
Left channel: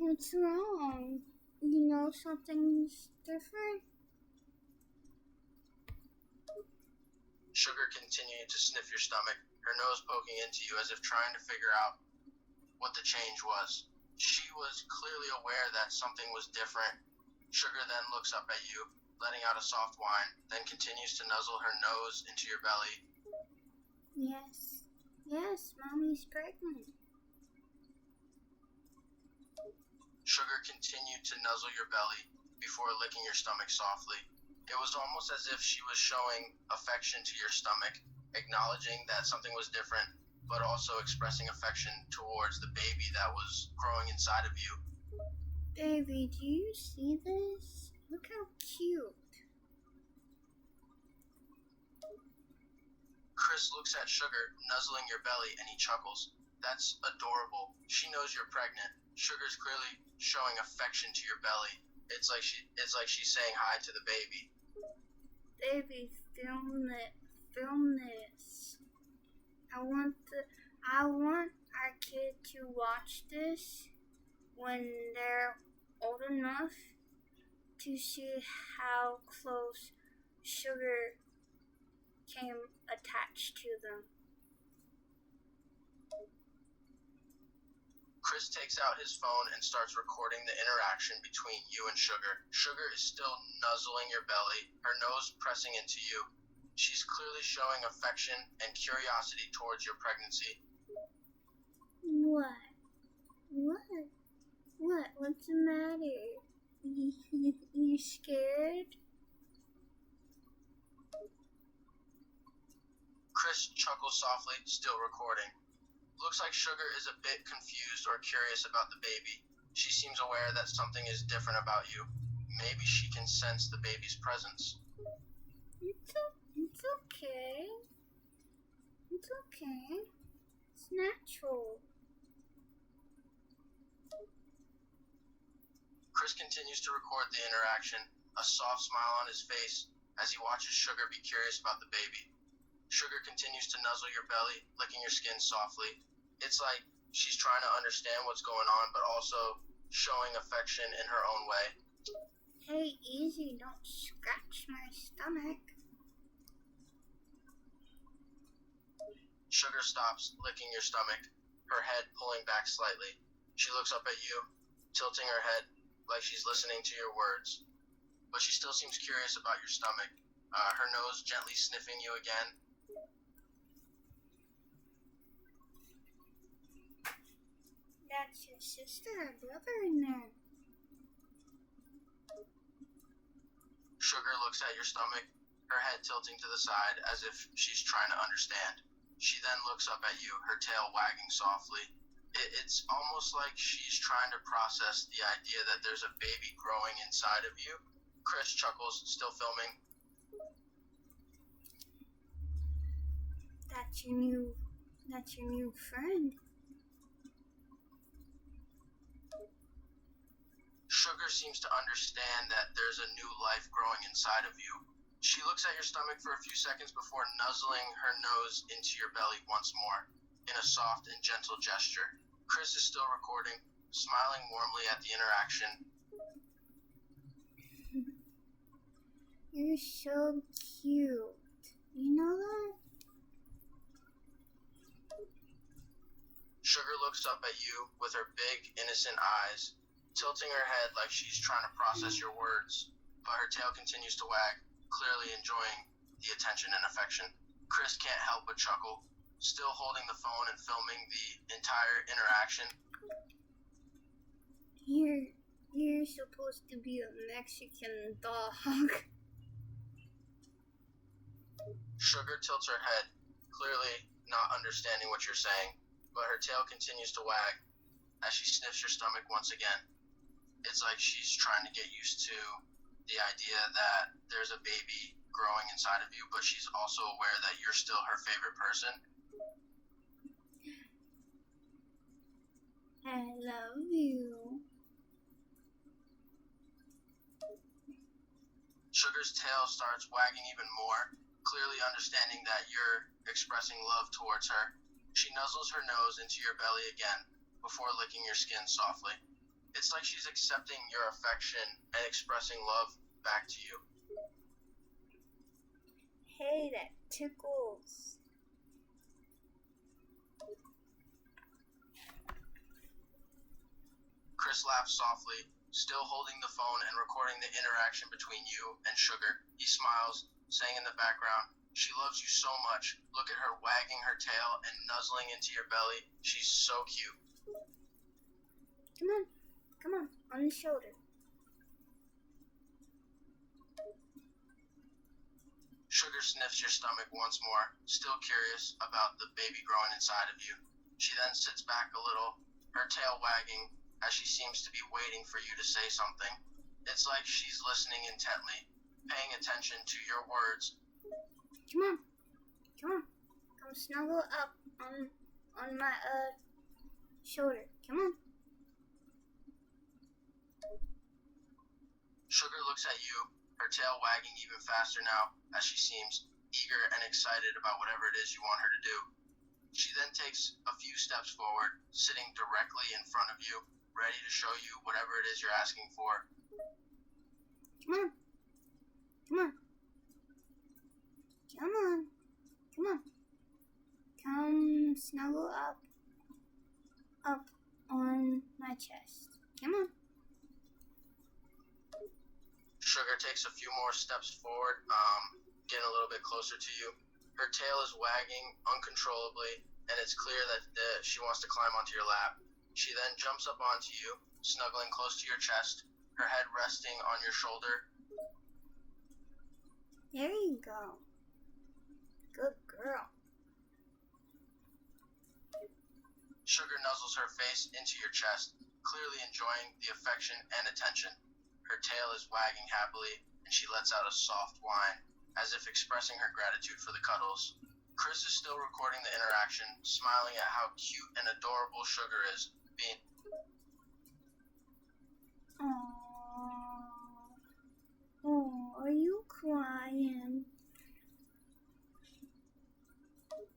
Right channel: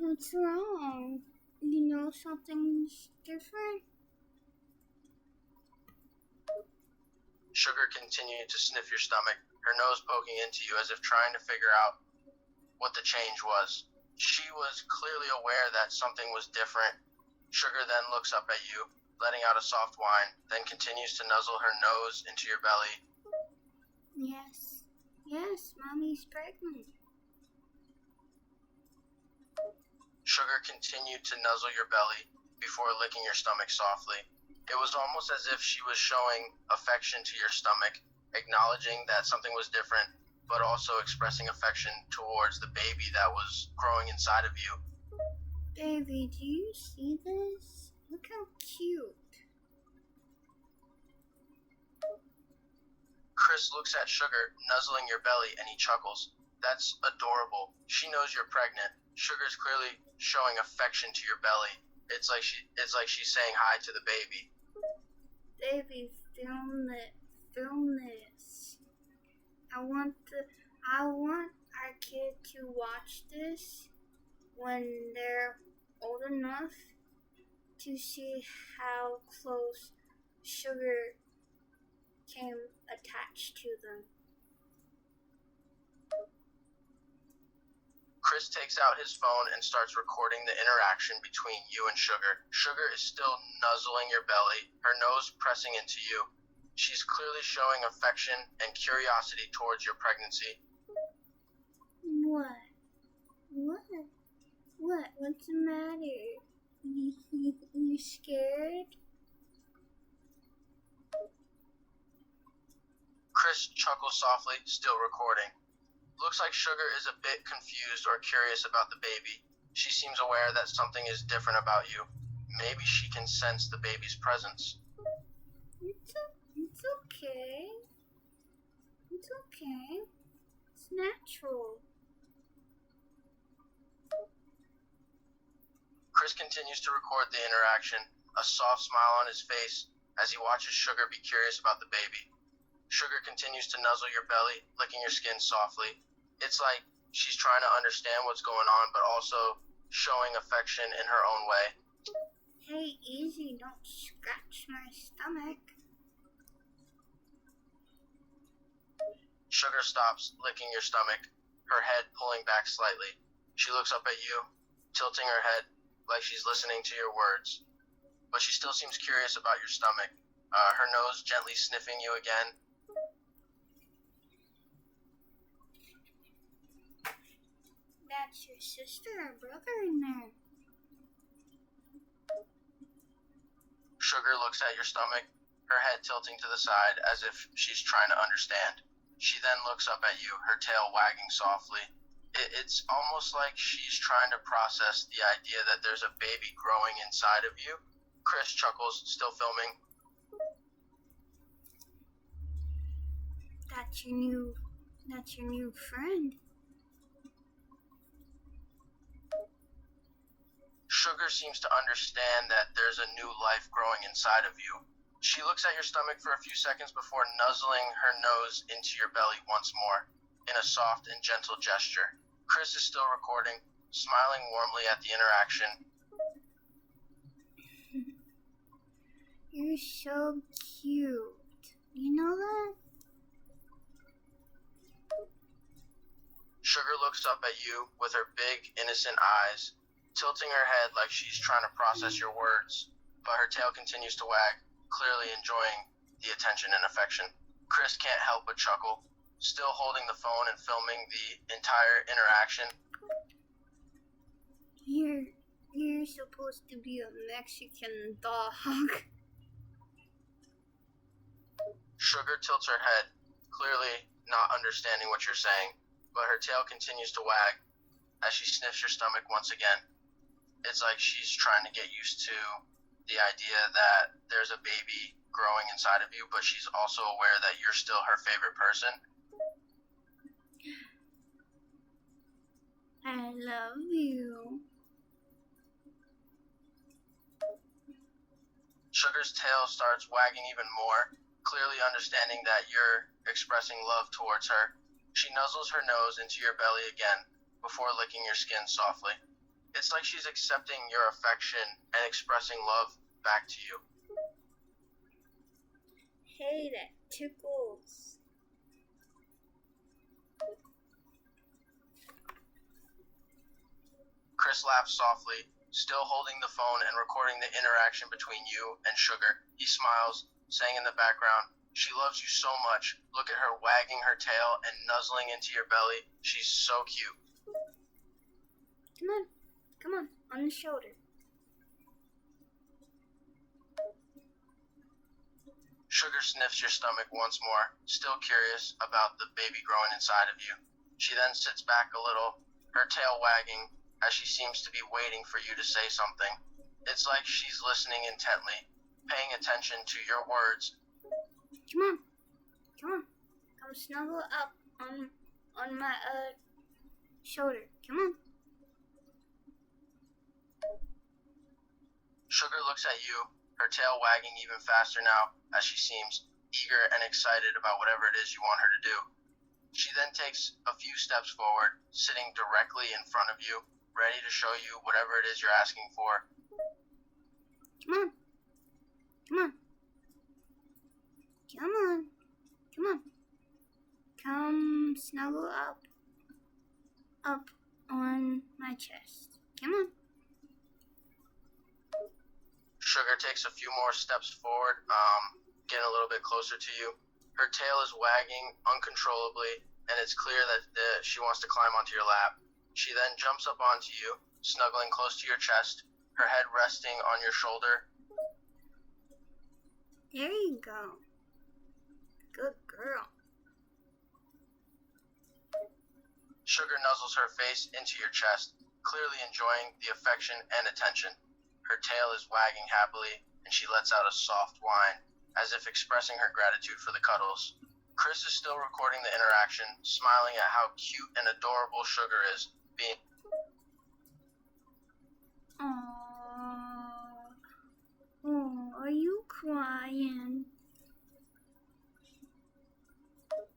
What's wrong? You know something's different? Sugar continued to sniff your stomach, her nose poking into you as if trying to figure out what the change was. She was clearly aware that something was different. Sugar then looks up at you, letting out a soft whine, then continues to nuzzle her nose into your belly. Yes, Mommy's pregnant. Sugar continued to nuzzle your belly before licking your stomach softly. It was almost as if she was showing affection to your stomach, acknowledging that something was different, but also expressing affection towards the baby that was growing inside of you. Baby, do you see this? Look how cute. Chris looks at Sugar, nuzzling your belly, and he chuckles. That's adorable. She knows you're pregnant. Sugar's clearly showing affection to your belly. It's like she's saying hi to the baby. Baby, film this. I want the I want our kid to watch this when they're old enough to see how close sugar came attached to them. Chris takes out his phone and starts recording the interaction between you and Sugar. Sugar is still nuzzling your belly, her nose pressing into you. She's clearly showing affection and curiosity towards your pregnancy. What? What's the matter? You scared? Chris chuckles softly, still recording. Looks like Sugar is a bit confused or curious about the baby. She seems aware that something is different about you. Maybe she can sense the baby's presence. It's okay. It's okay. It's natural. Chris continues to record the interaction, a soft smile on his face as he watches Sugar be curious about the baby. Sugar continues to nuzzle your belly, licking your skin softly. It's like she's trying to understand what's going on, but also showing affection in her own way. Hey, easy, don't scratch my stomach. Sugar stops licking your stomach, her head pulling back slightly. She looks up at you, tilting her head like she's listening to your words. But she still seems curious about your stomach, her nose gently sniffing you again. That's your sister or brother in there. Sugar looks at your stomach, her head tilting to the side as if she's trying to understand. She then looks up at you, her tail wagging softly. It's almost like she's trying to process the idea that there's a baby growing inside of you. Chris chuckles, still filming. That's your new friend. Sugar seems to understand that there's a new life growing inside of you. She looks at your stomach for a few seconds before nuzzling her nose into your belly once more, in a soft and gentle gesture. Chris is still recording, smiling warmly at the interaction. You're so cute. You know that? Sugar looks up at you with her big, innocent eyes, tilting her head like she's trying to process your words, but her tail continues to wag, clearly enjoying the attention and affection. Chris can't help but chuckle, still holding the phone and filming the entire interaction. You're supposed to be a Mexican dog. Sugar tilts her head, clearly not understanding what you're saying, but her tail continues to wag as she sniffs your stomach once again. It's like she's trying to get used to the idea that there's a baby growing inside of you, but she's also aware that you're still her favorite person. I love you. Sugar's tail starts wagging even more, clearly understanding that you're expressing love towards her. She nuzzles her nose into your belly again before licking your skin softly. It's like she's accepting your affection and expressing love back to you. Hey, that tickles. Chris laughs softly, still holding the phone and recording the interaction between you and Sugar. He smiles, saying in the background, "She loves you so much. Look at her wagging her tail and nuzzling into your belly. She's so cute." Come on the shoulder. Sugar sniffs your stomach once more, still curious about the baby growing inside of you. She then sits back a little, her tail wagging, as she seems to be waiting for you to say something. It's like she's listening intently, paying attention to your words. Come on. Come snuggle up on my shoulder. Come on. Sugar looks at you, her tail wagging even faster now, as she seems eager and excited about whatever it is you want her to do. She then takes a few steps forward, sitting directly in front of you, ready to show you whatever it is you're asking for. Come on. Come on. Come on. Come on. Come snuggle up on my chest. Come on. Sugar takes a few more steps forward, getting a little bit closer to you. Her tail is wagging uncontrollably, and it's clear that she wants to climb onto your lap. She then jumps up onto you, snuggling close to your chest, her head resting on your shoulder. There you go. Good girl. Sugar nuzzles her face into your chest, clearly enjoying the affection and attention. Her tail is wagging happily, and she lets out a soft whine, as if expressing her gratitude for the cuddles. Chris is still recording the interaction, smiling at how cute and adorable Sugar is, being... Aww. Oh, are you crying?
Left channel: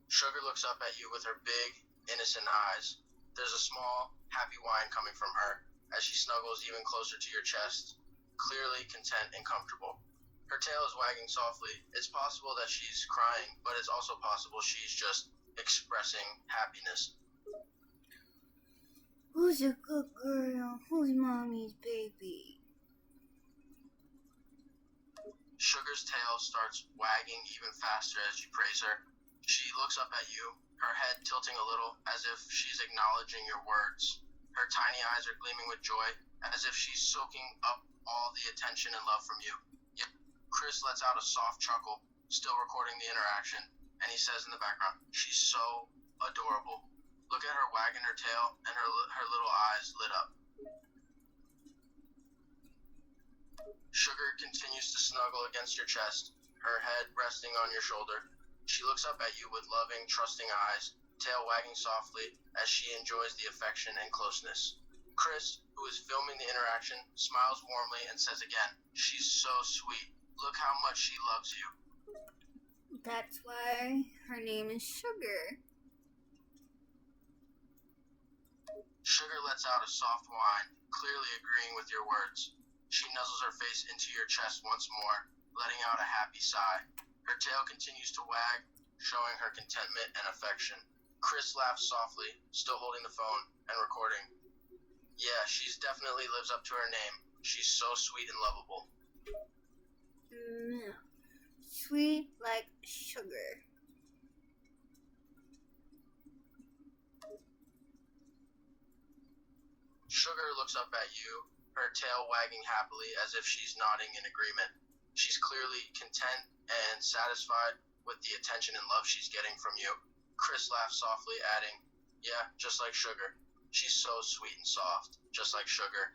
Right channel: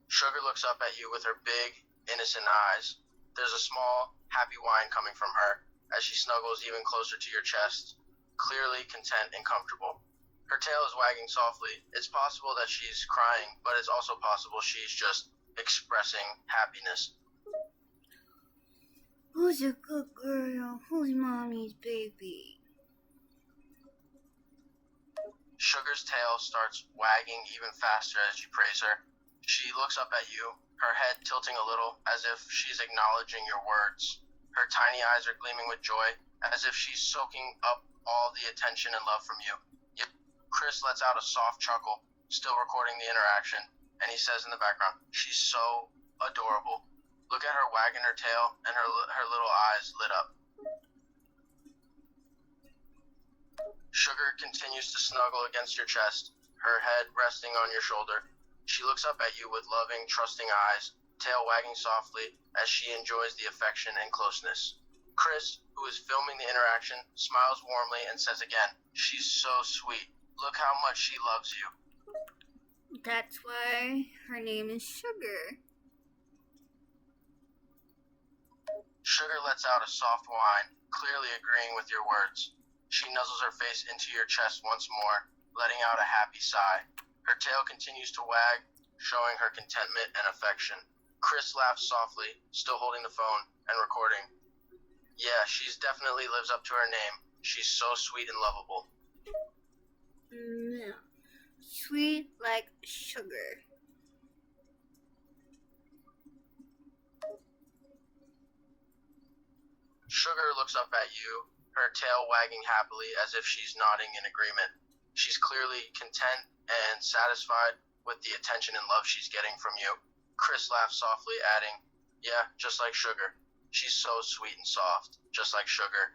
Sugar looks up at you with her big, innocent eyes. There's a small, happy whine coming from her as she snuggles even closer to your chest, clearly content and comfortable. Her tail is wagging softly. It's possible that she's crying, but it's also possible she's just expressing happiness. Who's a good girl? Who's mommy's baby? Sugar's tail starts wagging even faster as you praise her. She looks up at you, her head tilting a little as if she's acknowledging your words. Her tiny eyes are gleaming with joy, as if she's soaking up all the attention and love from you. Chris lets out a soft chuckle, still recording the interaction, and he says in the background, "She's so adorable. Look at her wagging her tail and her little eyes lit up." Sugar continues to snuggle against your chest, her head resting on your shoulder. She looks up at you with loving, trusting eyes, tail wagging softly as she enjoys the affection and closeness. Chris, who is filming the interaction, smiles warmly and says again, "She's so sweet. Look how much she loves you." That's why her name is Sugar. Sugar lets out a soft whine, clearly agreeing with your words. She nuzzles her face into your chest once more, letting out a happy sigh. Her tail continues to wag, showing her contentment and affection. Chris laughs softly, still holding the phone and recording. Yeah, she's definitely lives up to her name. She's so sweet and lovable. Yeah. Sweet like sugar. Sugar looks up at you, her tail wagging happily as if she's nodding in agreement. She's clearly content and satisfied with the attention and love she's getting from you. Chris laughs softly, adding, "Yeah, just like Sugar. She's so sweet and soft, just like Sugar."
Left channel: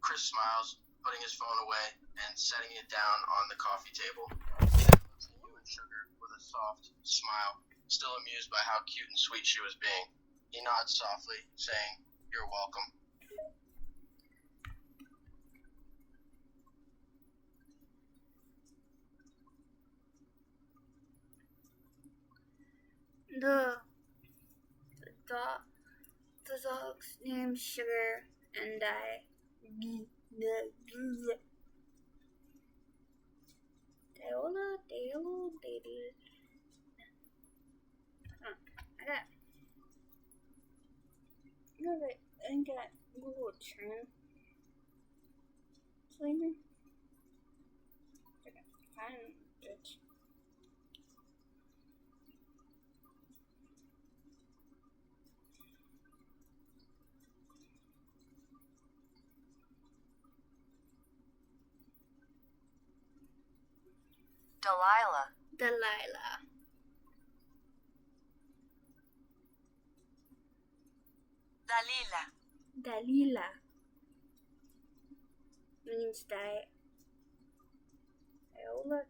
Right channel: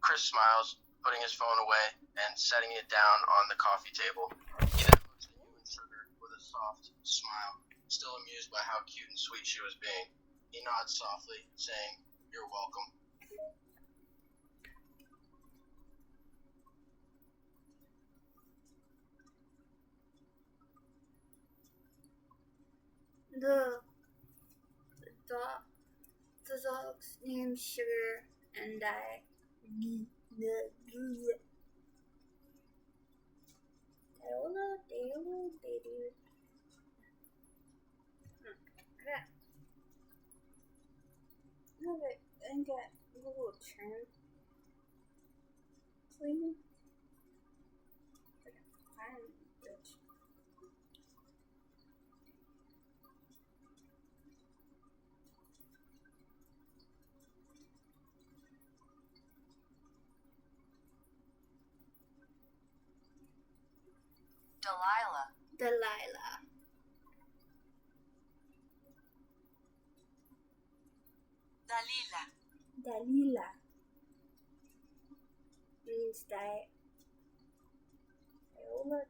Chris smiles, putting his phone away and setting it down on the coffee table. He then looks at you and Sugar with a soft smile, still amused by how cute and sweet she was being. He nods softly, saying, "You're welcome." The dog's name's Sugar, and I got Google Translate. I can find it. Delilah. Delilah. Dalila. Dalila means that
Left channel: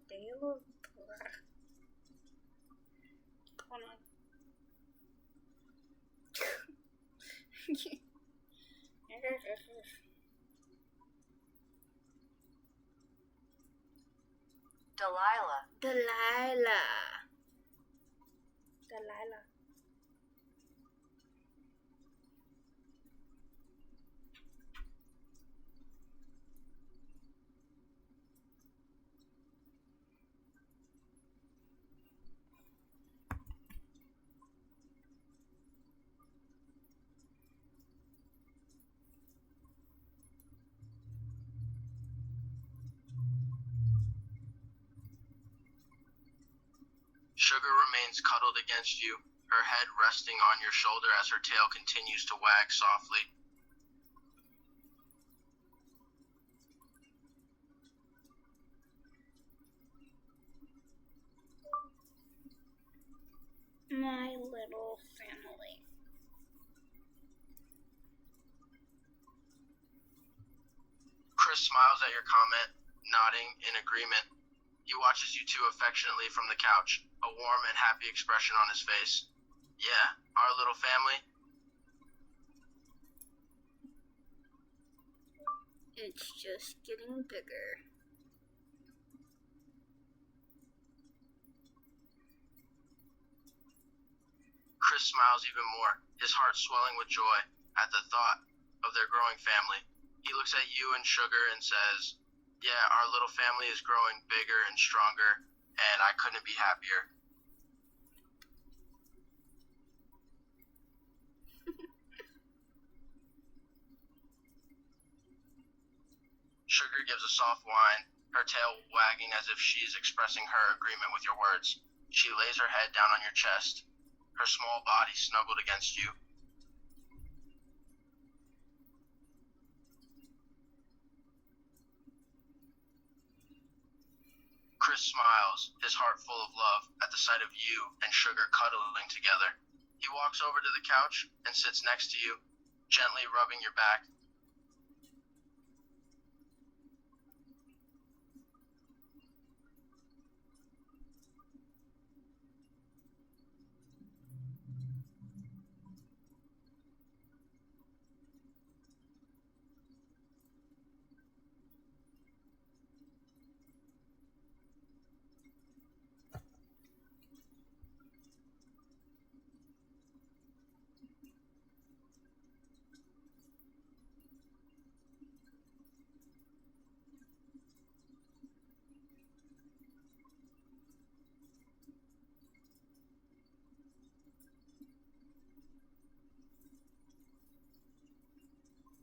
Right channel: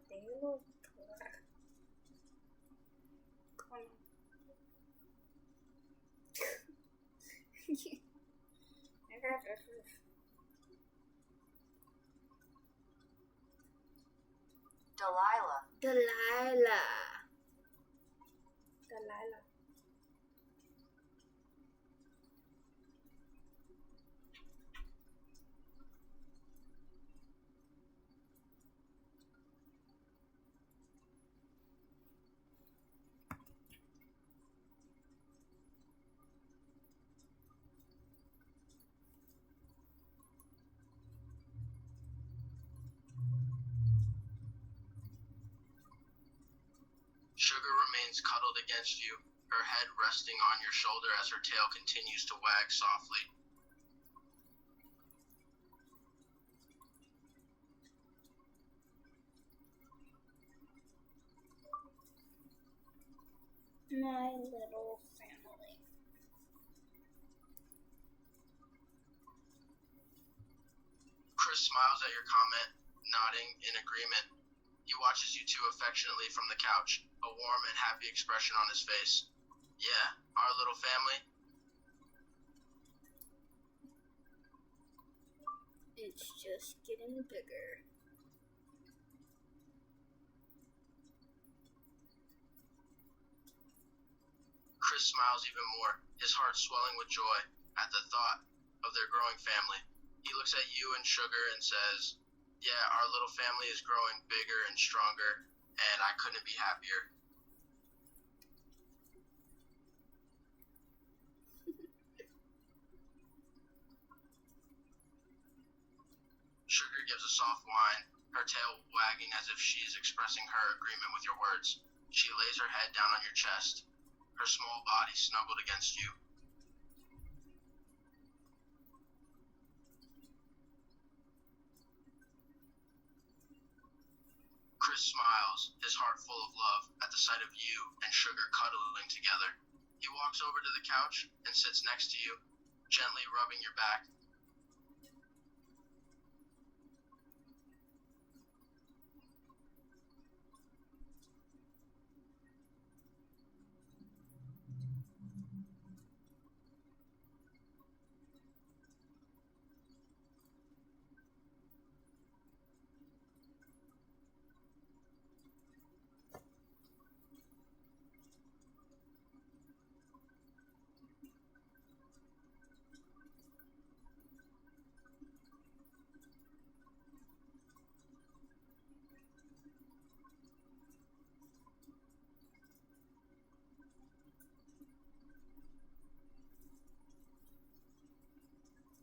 Dale. Hold on. Delilah. Delilah. Delilah. Sugar remains cuddled against you, her head resting on your shoulder as her tail continues to wag softly. My little family. Chris smiles at your comment, nodding in agreement. He watches you two affectionately from the couch, a warm and happy expression on his face. Yeah, our little family. It's just getting bigger. Chris smiles even more, his heart swelling with joy at the thought of their growing family. He looks at you and Sugar and says, yeah, our little family is growing bigger and stronger, and I couldn't be happier. Sugar gives a soft whine, her tail wagging as if she is expressing her agreement with your words. She lays her head down on your chest, her small body snuggled against you. Chris smiles, his heart full of love at the sight of you and Sugar cuddling together. He walks over to the couch and sits next to you, gently rubbing your back.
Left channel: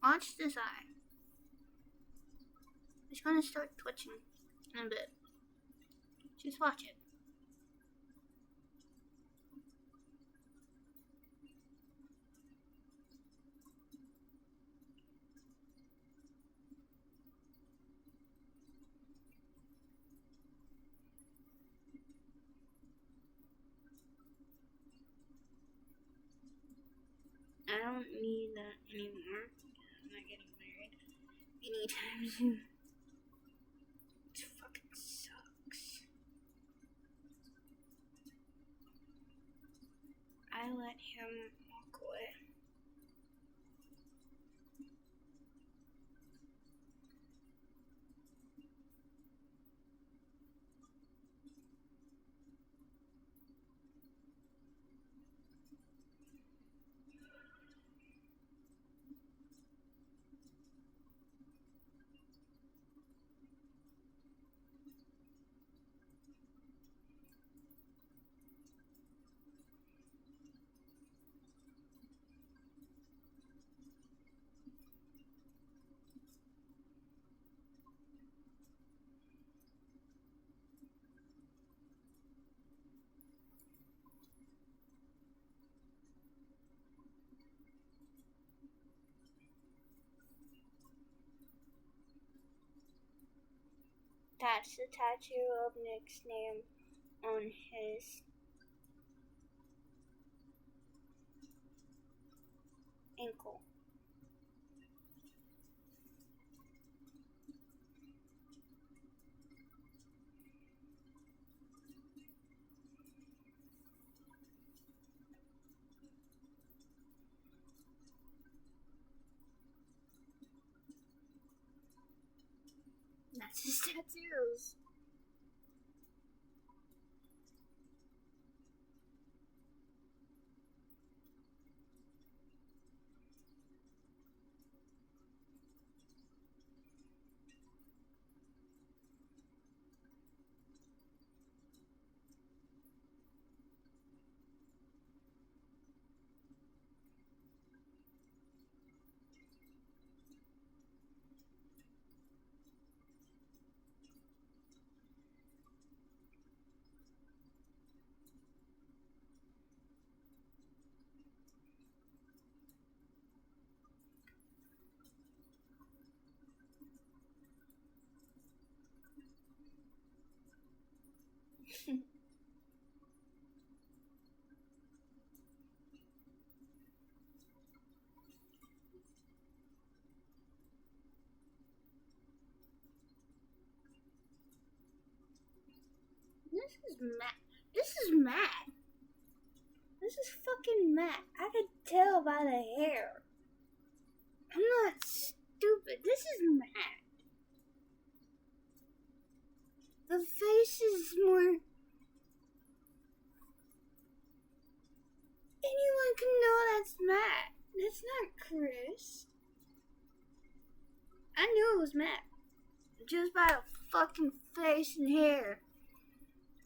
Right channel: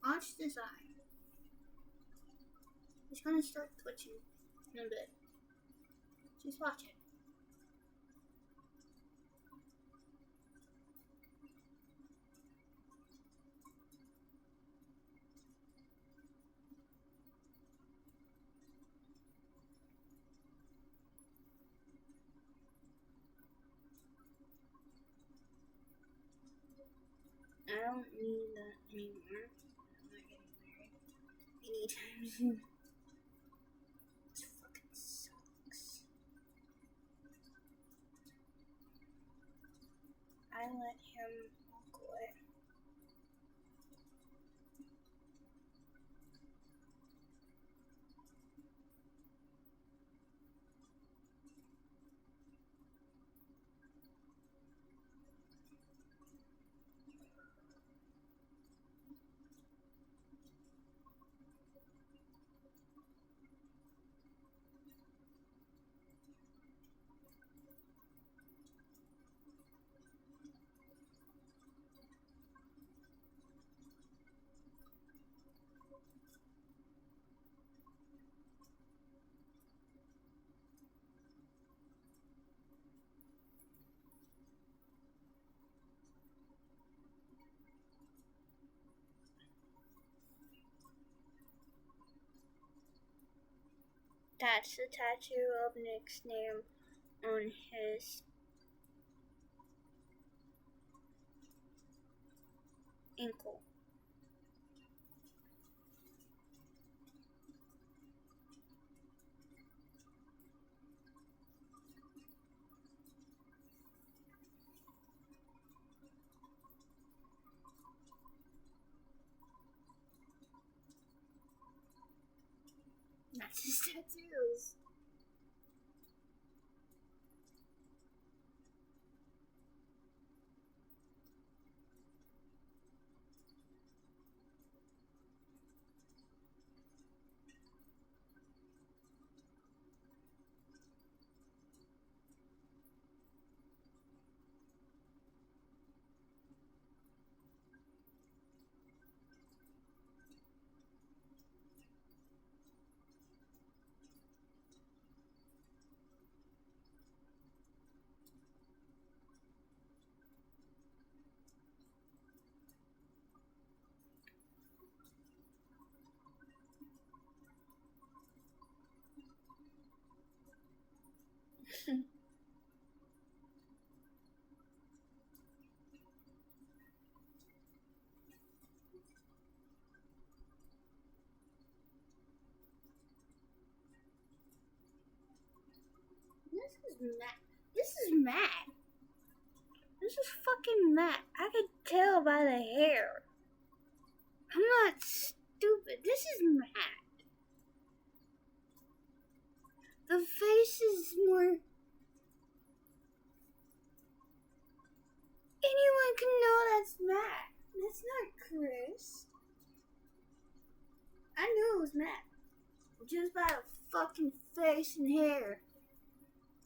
Watch this eye. It's gonna start twitching in a bit. Just watch it. I don't need that anymore. I'm not getting married anytime soon. It fucking sucks. I let him walk away. That's the tattoo of Nick's name on his ankle. That's his tattoos. This is mad. This is mad. This is fucking mad. I could tell by the hair. I'm not stupid. This is mad. The face is more... Anyone can know that's Matt. That's not Chris. I knew it was Matt. Just by the fucking face and hair.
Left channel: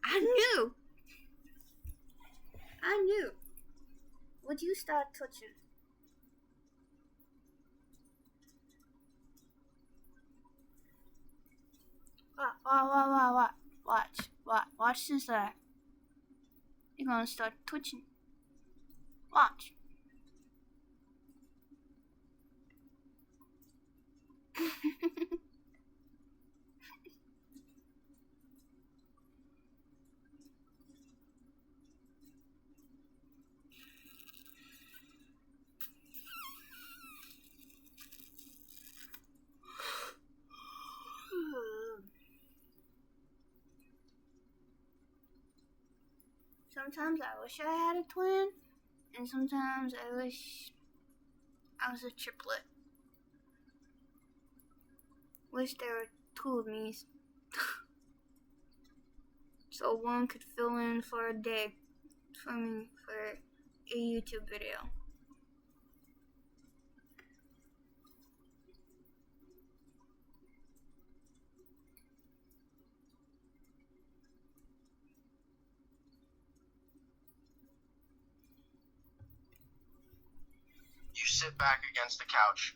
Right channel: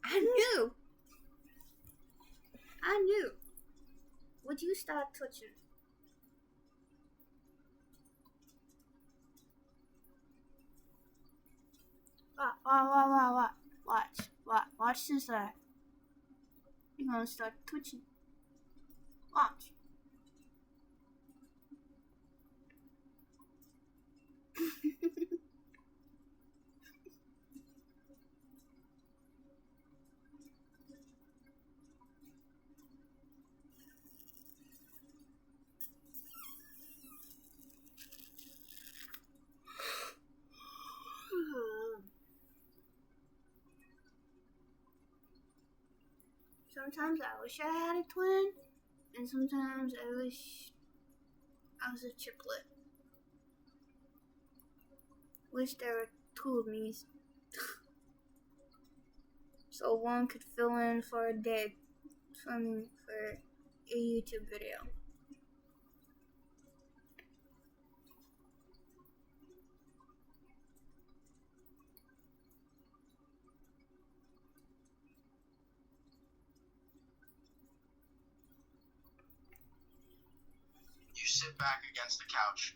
I knew. Would you start twitching? Watch this. You're gonna start twitching. Watch. Sometimes I wish I had a twin, and sometimes I wish I was a triplet. Wish there were two of me, so one could fill in for a day for me for a YouTube video. You sit back against the couch,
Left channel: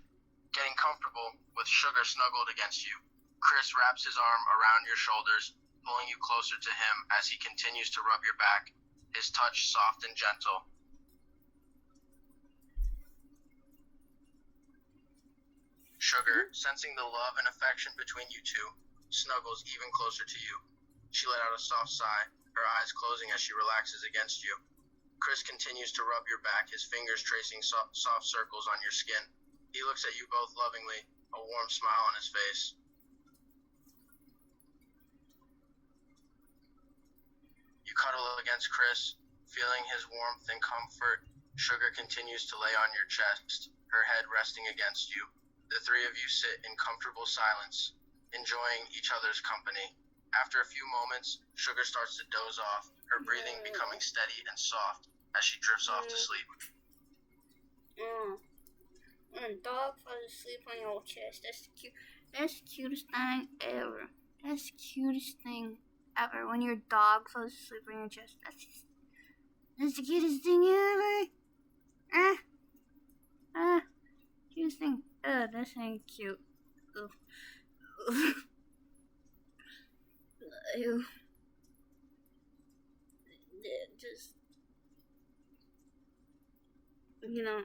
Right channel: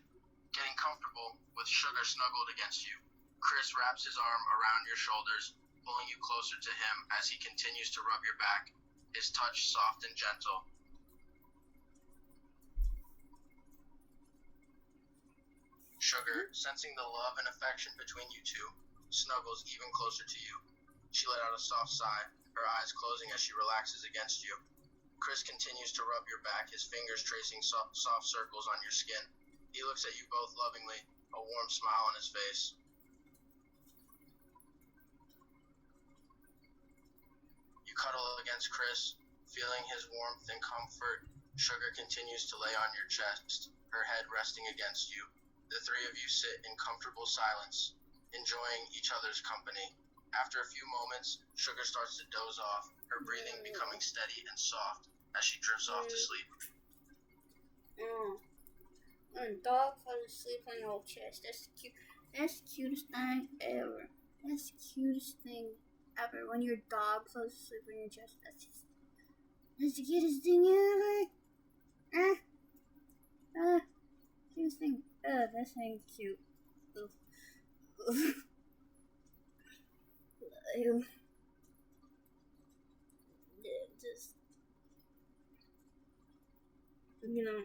getting comfortable with Sugar snuggled against you. Chris wraps his arm around your shoulders, pulling you closer to him as he continues to rub your back, his touch soft and gentle. Sugar, sensing the love and affection between you two, snuggles even closer to you. She let out a soft sigh, her eyes closing as she relaxes against you. Chris continues to rub your back, his fingers tracing soft circles on your skin. He looks at you both lovingly, a warm smile on his face. You cuddle against Chris, feeling his warmth and comfort. Sugar continues to lay on your chest, her head resting against you. The three of you sit in comfortable silence, enjoying each other's company. After a few moments, Sugar starts to doze off, her breathing becoming steady and soft as she drifts off to sleep. When a dog falls asleep on your chest, that's cute. That's the cutest thing ever. That's the cutest thing ever. When your dog falls asleep on your chest, that's the cutest thing ever. Cutest thing. That ain't cute. Ew. Just, you know.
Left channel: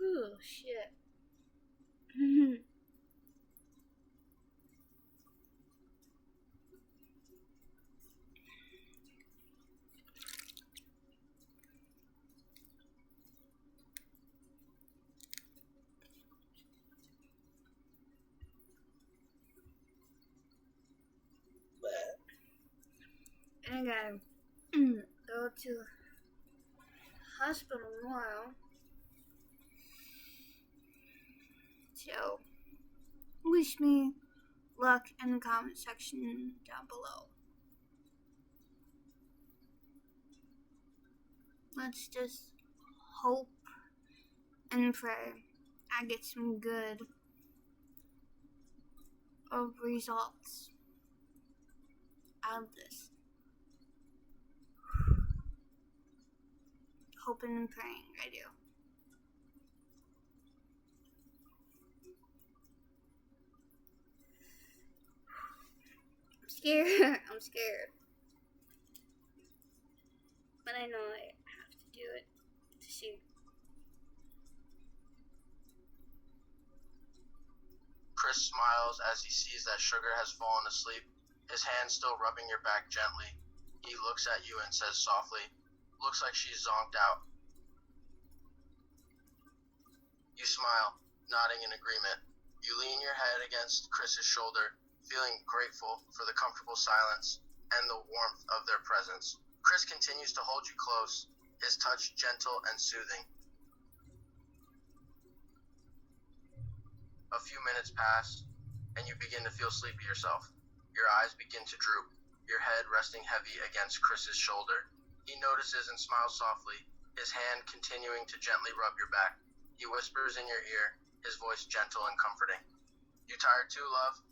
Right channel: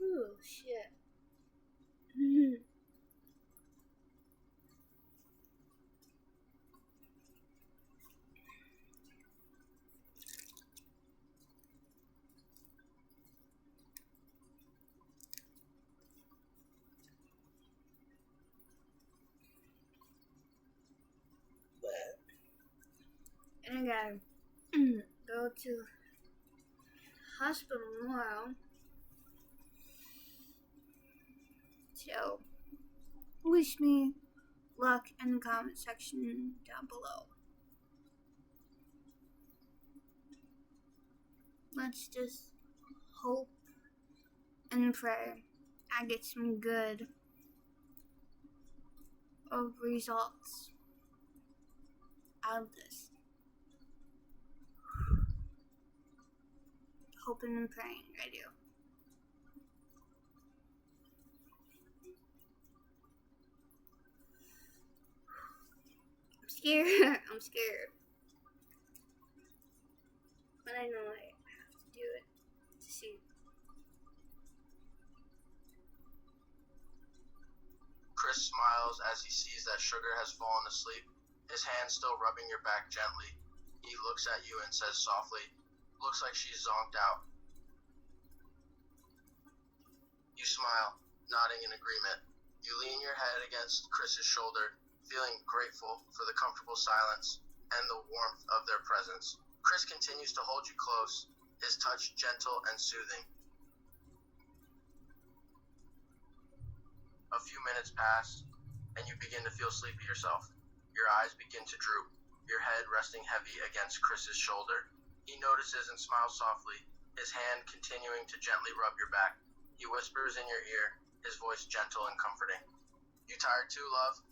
Oh, shit. And I gotta go to the hospital tomorrow. So, wish me luck in the comment section down below. Let's just hope and pray I get some good results out of this. Hoping and praying, I do. I'm scared. I'm scared. but I know I have to do it to see. Chris smiles as he sees that Sugar has fallen asleep, his hand still rubbing your back gently. He looks at you and says softly, "Looks like she's zonked out." You smile, nodding in agreement. You lean your head against Chris's shoulder, feeling grateful for the comfortable silence and the warmth of their presence. Chris continues to hold you close, his touch gentle and soothing. A few minutes pass, and you begin to feel sleepy yourself. Your eyes begin to droop, your head resting heavy against Chris's shoulder. He notices and smiles softly, his hand continuing to gently rub your back. He whispers in your ear, his voice gentle and comforting. "You tired too, love?"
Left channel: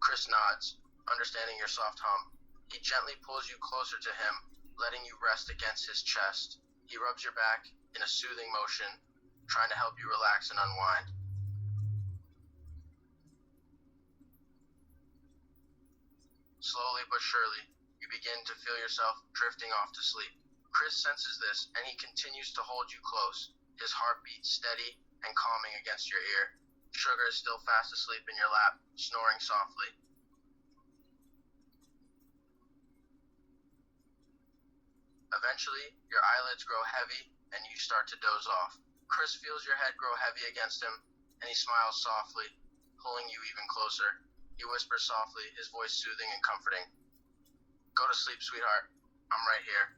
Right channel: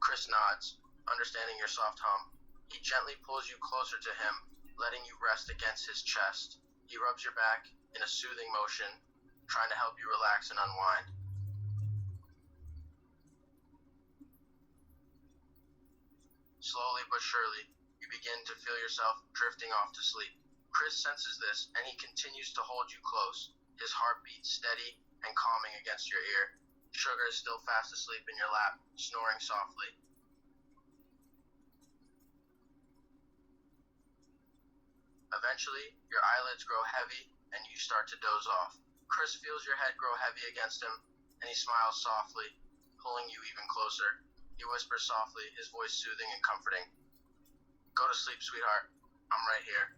Chris nods, understanding your soft hum. He gently pulls you closer to him, letting you rest against his chest. He rubs your back in a soothing motion, trying to help you relax and unwind. Slowly but surely, you begin to feel yourself drifting off to sleep. Chris senses this, and he continues to hold you close, his heartbeat steady and calming against your ear. Sugar is still fast asleep in your lap, snoring softly. Eventually, your eyelids grow heavy, and you start to doze off. Chris feels your head grow heavy against him, and he smiles softly, pulling you even closer. He whispers softly, his voice soothing and comforting. "Go to sleep, sweetheart. I'm right here."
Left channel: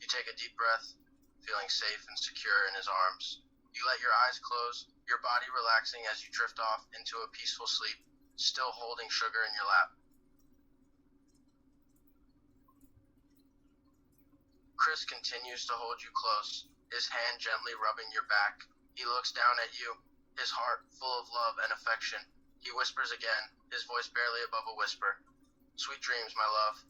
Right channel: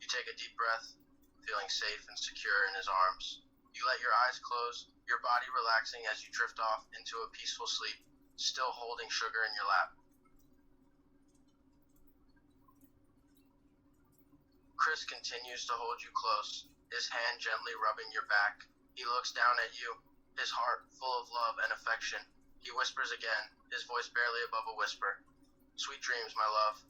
You take a deep breath, feeling safe and secure in his arms. You let your eyes close, your body relaxing as you drift off into a peaceful sleep, still holding Sugar in your lap. Chris continues to hold you close, his hand gently rubbing your back. He looks down at you, his heart full of love and affection. He whispers again, his voice barely above a whisper. "Sweet dreams, my love."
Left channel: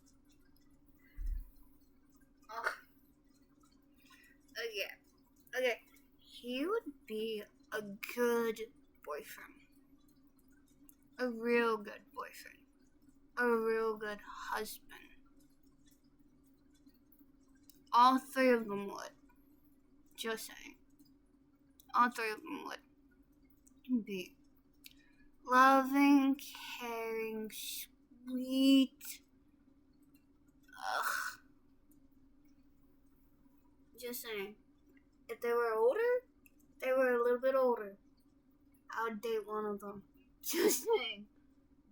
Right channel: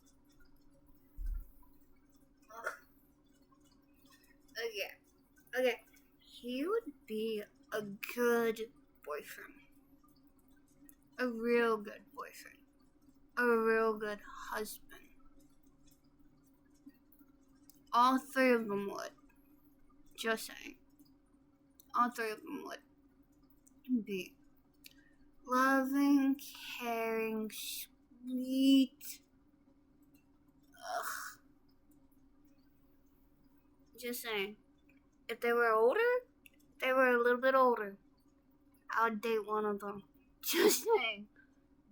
Okay. He would be a good boyfriend. A real good boyfriend. A real good husband. All three of them would. Just saying. All three of them would be loving, caring, sweet. Ugh. Just saying. If they were older, they were a little bit older, I would date one of them. Just saying.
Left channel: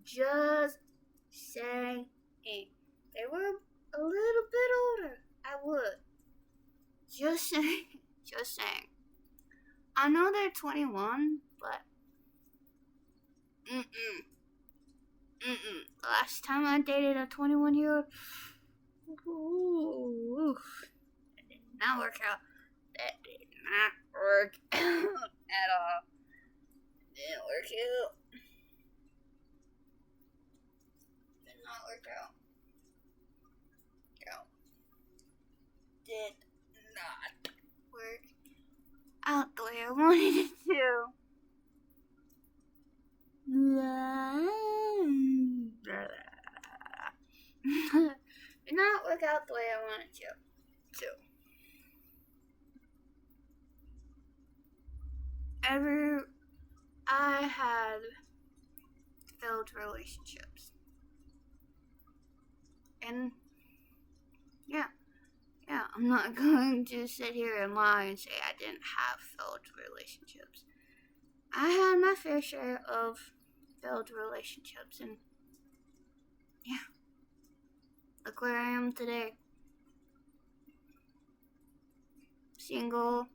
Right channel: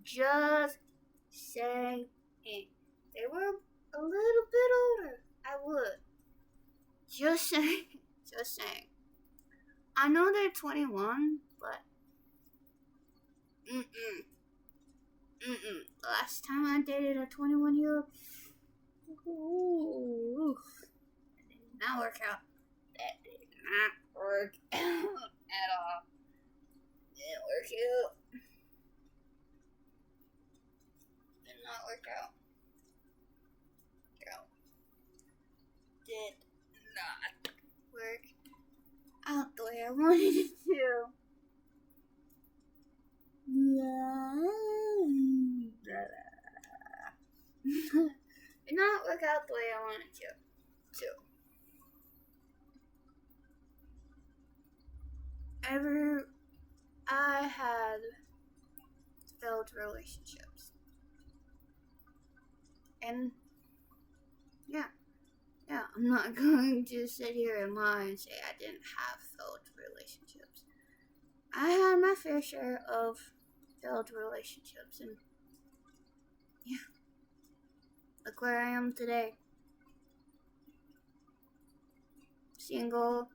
Just saying. They were a little bit older, I would. Just saying. Just saying. I know they're 21, but last time I dated a 21-year-old, that did not work out. That did not work out at all. Didn't work out. Did not work out. No. Did not work out the way I wanted it to. Did not work out the way I wanted to. I had failed relationships. And yeah, I'm not going to sit here and lie and say I didn't have failed relationships. I had my fair share of failed relationships, and yeah, look where I am today. Single.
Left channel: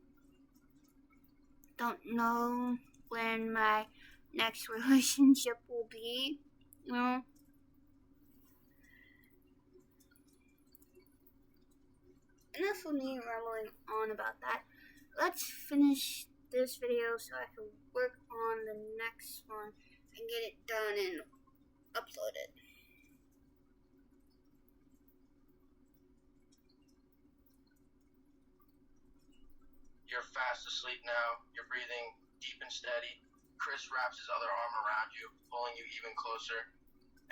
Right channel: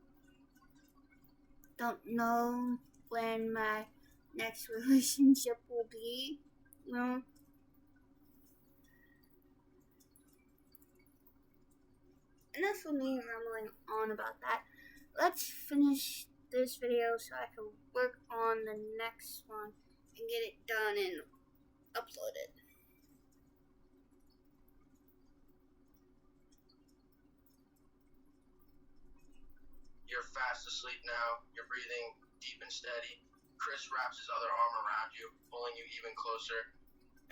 Don't know when my next relationship will be, you know. Enough of me rambling on about that. Let's finish this video so I can work on the next one and get it done and upload it. You're fast asleep now. You're breathing deep and steady. Chris wraps his other arm around you, pulling you even closer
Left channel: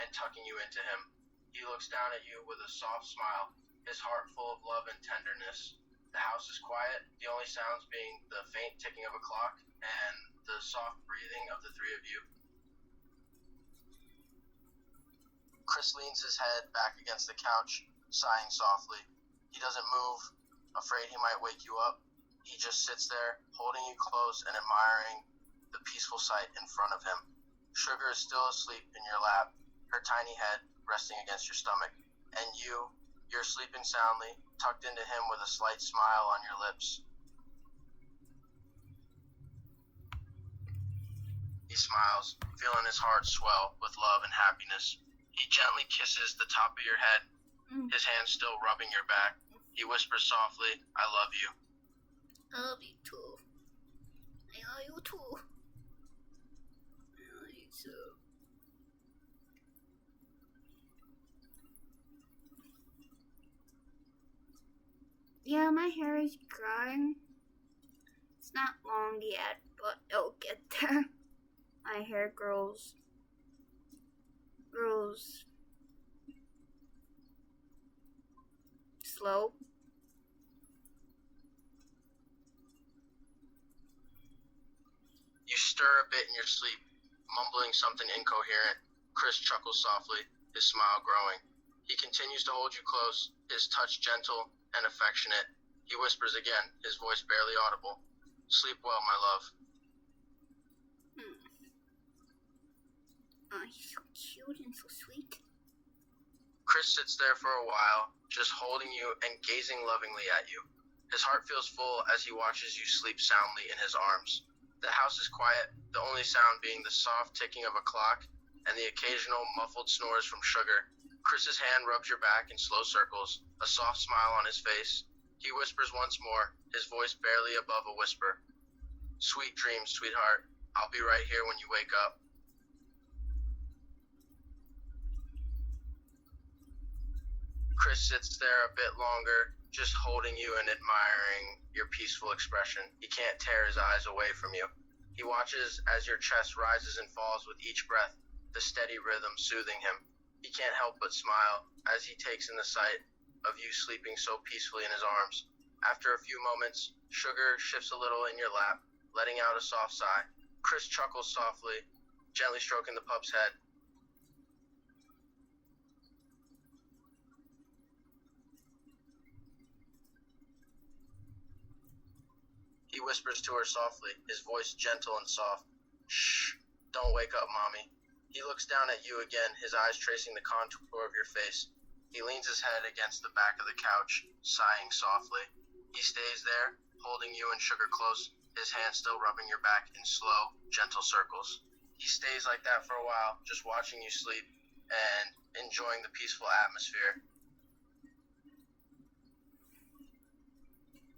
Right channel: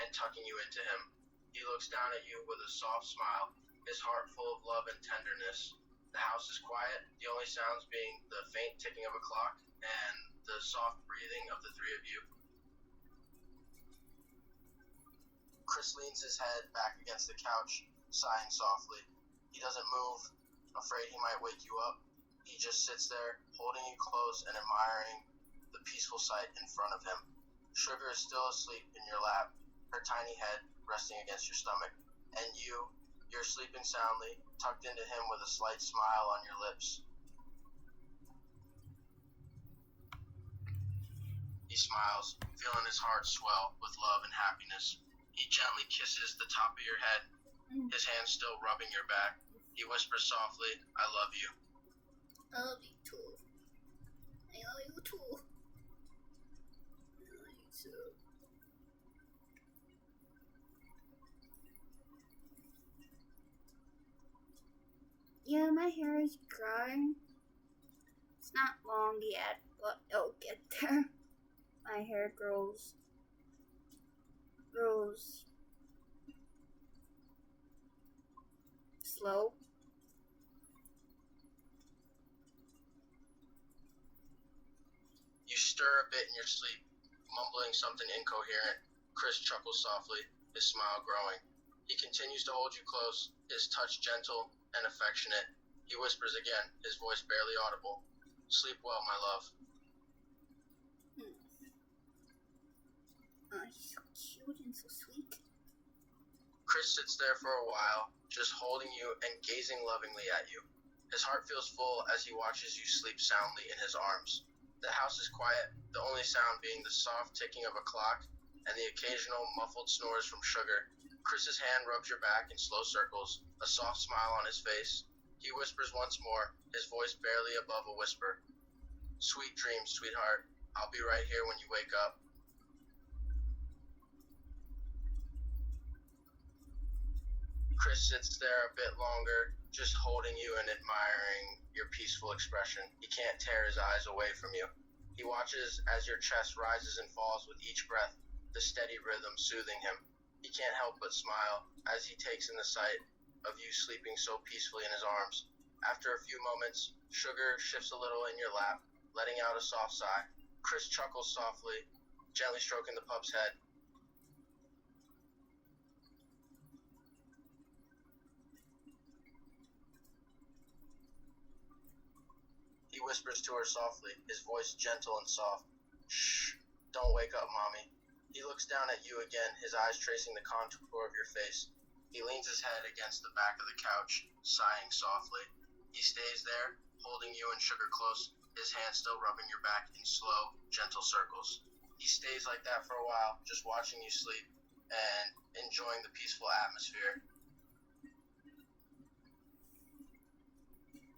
and tucking you into him. He looks down at you with a soft smile, his heart full of love and tenderness. The house is quiet, the only sounds being the faint ticking of a clock and the soft breathing of the three of you. Chris leans his head back against the couch, sighing softly. He doesn't move, afraid he might wake you up. He just sits there, holding you close and admiring the peaceful sight in front of him. Sugar is still asleep in your lap, her tiny head resting against your stomach. And you're sleeping soundly, tucked into him with a slight smile on your lips. He smiles, feeling his heart swell with love and happiness. He gently kisses the top of your head, his hand still rubbing your back. He whispers softly, "I love you." I love you too. I love you too. I love you too. Yeah, my hair is growing. It's not long yet, but it'll get there. My hair grows slow. You stir a bit in your sleep, mumbling something incoherent. Chris chuckles softly, his smile growing. He continues to hold you close, his touch gentle and affectionate. He whispers again, his voice barely audible. "Sleep well, my love." Oh, he's so cute and so sweet. Chris sits there for a while, just holding you and gazing lovingly at you. His heart feels full as he watches you sleep soundly in his arms. The house is quiet, the only sound being the soft ticking of a clock and the occasional muffled snores from Sugar. Chris's hand rubs your back in slow circles, a soft smile on his face. He whispers once more, his voice barely above a whisper. "Sweet dreams, sweetheart. I'll be right here when you wake up." Chris sits there a bit longer, just holding you and admiring your peaceful expression. He can't tear his eyes away from you. He watches as your chest rises and falls with each breath, the steady rhythm soothing him. He can't help but smile as he takes in the sight of you sleeping so peacefully in his arms. After a few moments, Sugar shifts a little in your lap, letting out a soft sigh. Chris chuckles softly, gently stroking the pup's head. He whispers to her softly, his voice gentle and soft. "Shh, don't wake up, Mommy." He looks down at you again, his eyes tracing the contour of your face. He leans his head against the back of the couch, sighing softly. He stays there, holding you and Sugar close, his hand still rubbing your back in slow, gentle circles. He stays like that for a while, just watching you sleep and enjoying the peaceful atmosphere.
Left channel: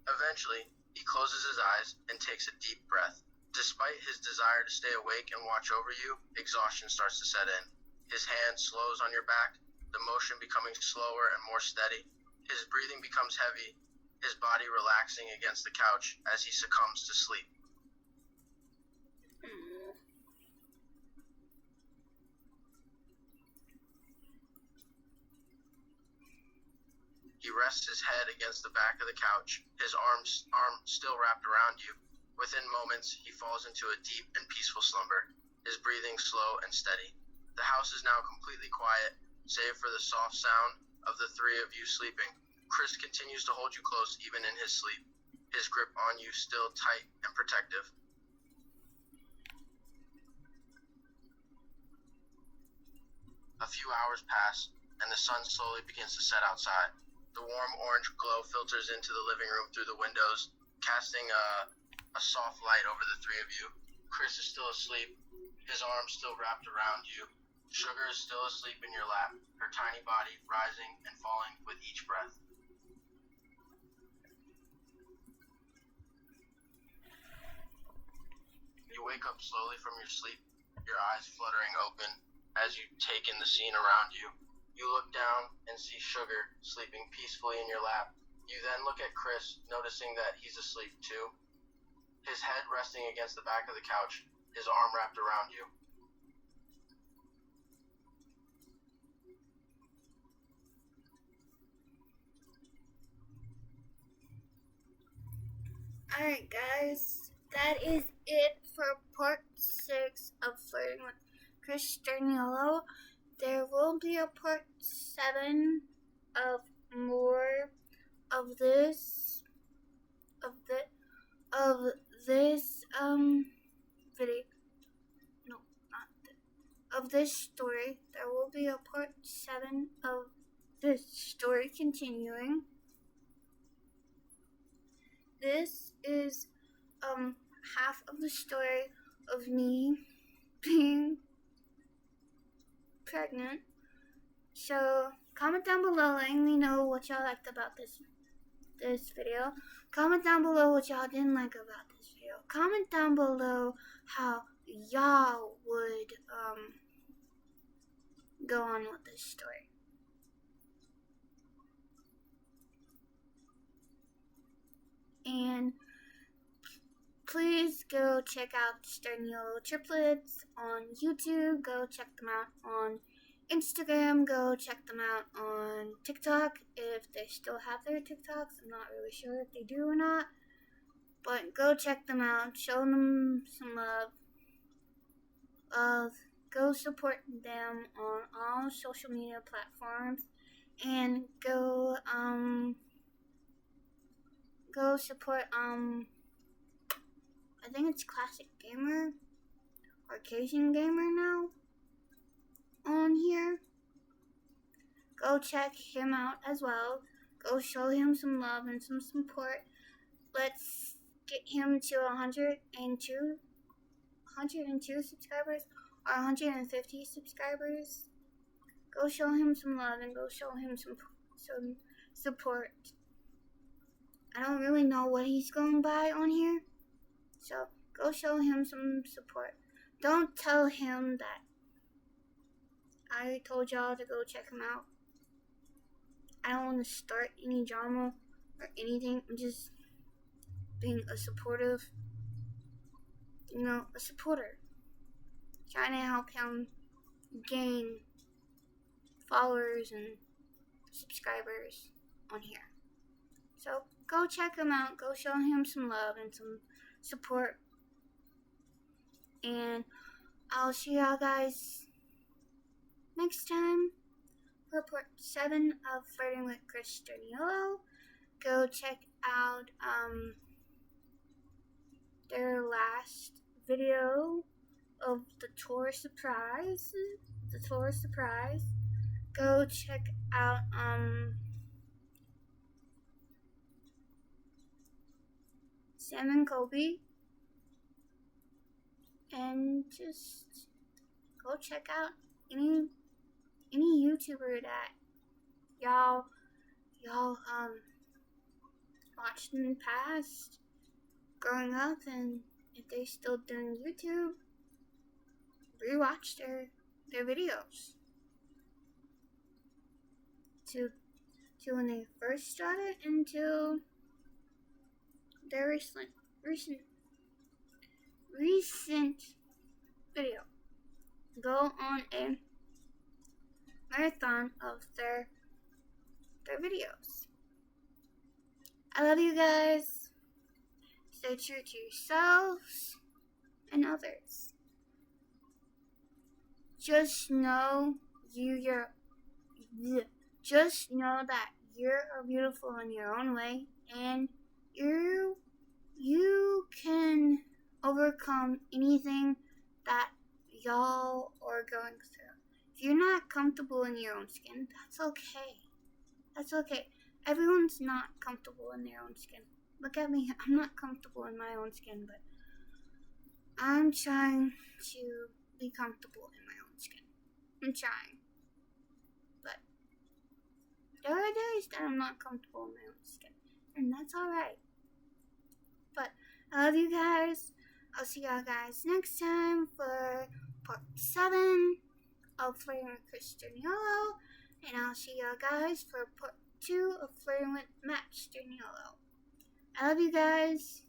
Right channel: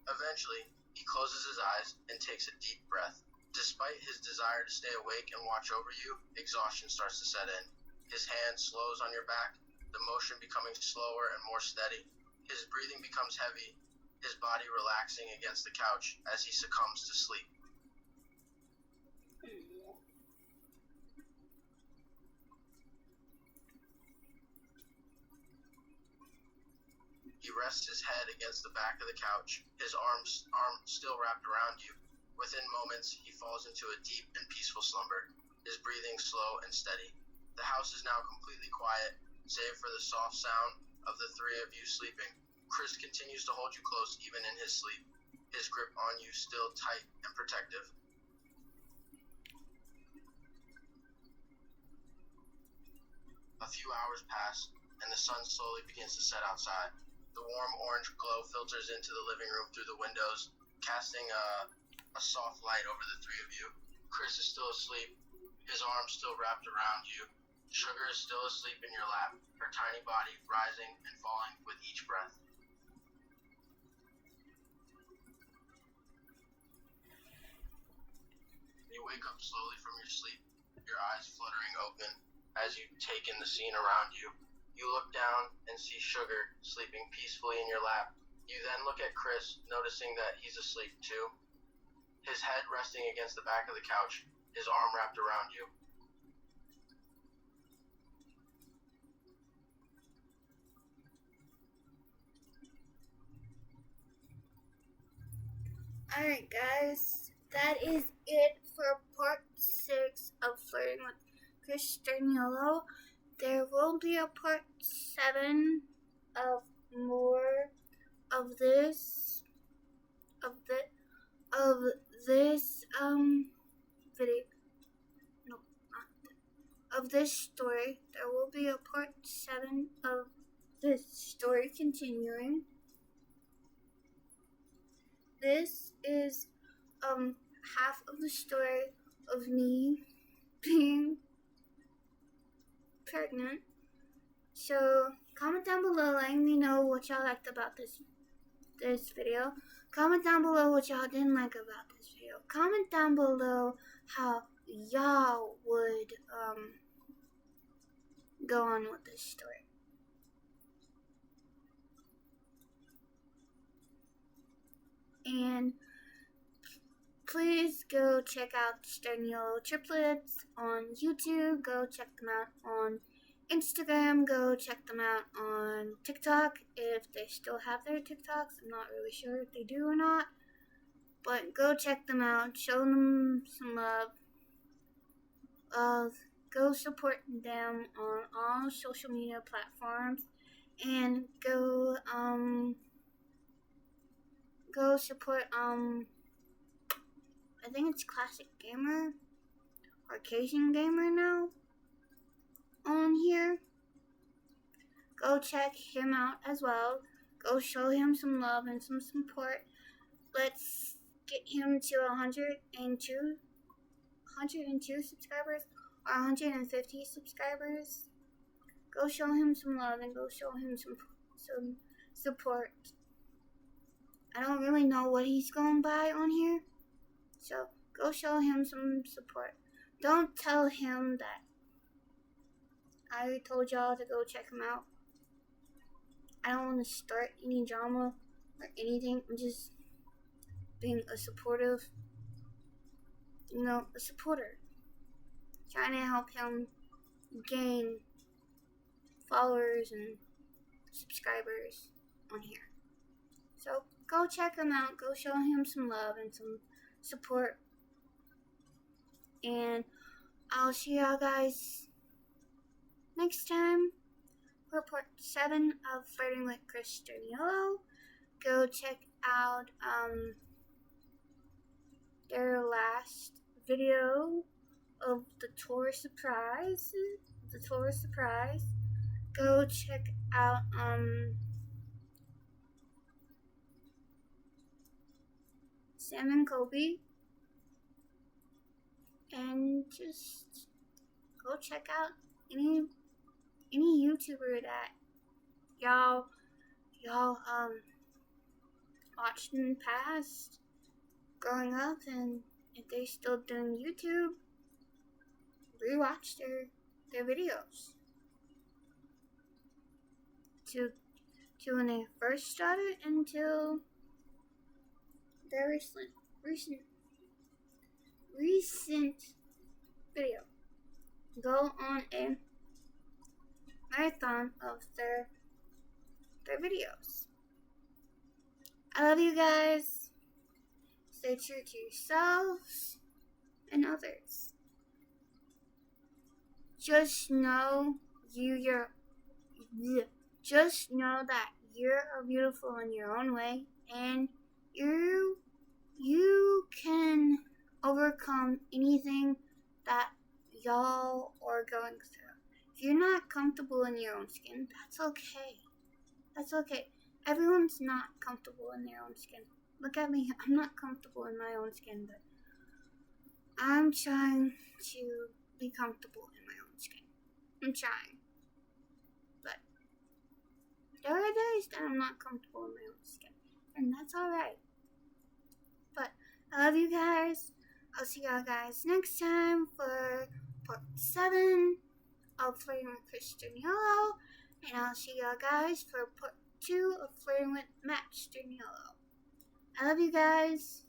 Eventually, he closes his eyes and takes a deep breath. Despite his desire to stay awake and watch over you, exhaustion starts to set in. His hand slows on your back, the motion becoming slower and more steady. His breathing becomes heavy, his body relaxing against the couch as he succumbs to sleep. He rests his head against the back of the couch, his arm still wrapped around you. Within moments, he falls into a deep and peaceful slumber, his breathing slow and steady. The house is now completely quiet, save for the soft sound of the three of you sleeping. Chris continues to hold you close even in his sleep, his grip on you still tight and protective. A few hours pass, and the sun slowly begins to set outside. The warm orange glow filters into the living room through the windows, casting a soft light over the three of you. Chris is still asleep, his arms still wrapped around you. Sugar is still asleep in your lap, her tiny body rising and falling with each breath. You wake up slowly from your sleep, your eyes fluttering open as you take in the scene around you. You look down and see Sugar sleeping peacefully in your lap. You then look at Chris, noticing that he's asleep too. his head resting against the back of the couch, his arm wrapped around you. Alright, guys, that is it for part 6 of Flirting with Chris Sturniolo. There will be a part 7 of more of this video. No, not of this story. There will be a part 7 of this story continuing. This is half of the story of me being pregnant. So comment down below letting me know what y'all liked about this video. Comment down below what y'all didn't like about this video. Comment down below how y'all would go on with this story. And please go check out Sturniolo triplets on YouTube. Go check them out on Instagram. Go check them out on TikTok if they still have their TikToks. I'm not really sure if they do or not. But go check them out. Show them some love. Go support them on all social media platforms. And go support I think it's Classic Gamer or Cajun Gamer now on here. Go check him out as well. Go show him some love and some support. Let's get him to 102 subscribers or 150 subscribers. Go show him some love and go show him some support. I don't really know what he's going by on here, so go show him some support. Don't tell him that I told y'all to go check him out. I don't want to start any drama or anything. I'm just being a supporter. Trying to help him gain followers and subscribers on here. So go check him out. Go show him some love and some support. And I'll see y'all guys next time for part 7 of Flirting with Chris Sturniolo. Go check out their last video of the tour surprise. Go check out Sam and Kobe, and just go check out any YouTuber that y'all watched in the past growing up, and if they're still doing YouTube, rewatch their videos to when they first started until their recent video. Go on a marathon of their videos. I love you guys. Stay true to yourselves and others. Just know just know that you're beautiful in your own way, and you can overcome anything that y'all are going through. If you're not comfortable in your own skin, that's okay. That's okay. Everyone's not comfortable in their own skin. Look at me. I'm not comfortable in my own skin, but I'm trying to be comfortable in my own skin. I'm trying. But there are days that I'm not comfortable in my own skin, and that's alright. But I love you guys. I'll see y'all guys next time for part 7 of Flirting with Chris Sturniolo, and I'll see y'all guys for part 2 of Flirting with Matt Sturniolo. I love you guys.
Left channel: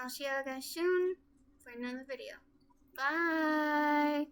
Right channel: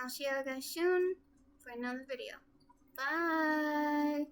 I'll see you guys soon for another video. Bye!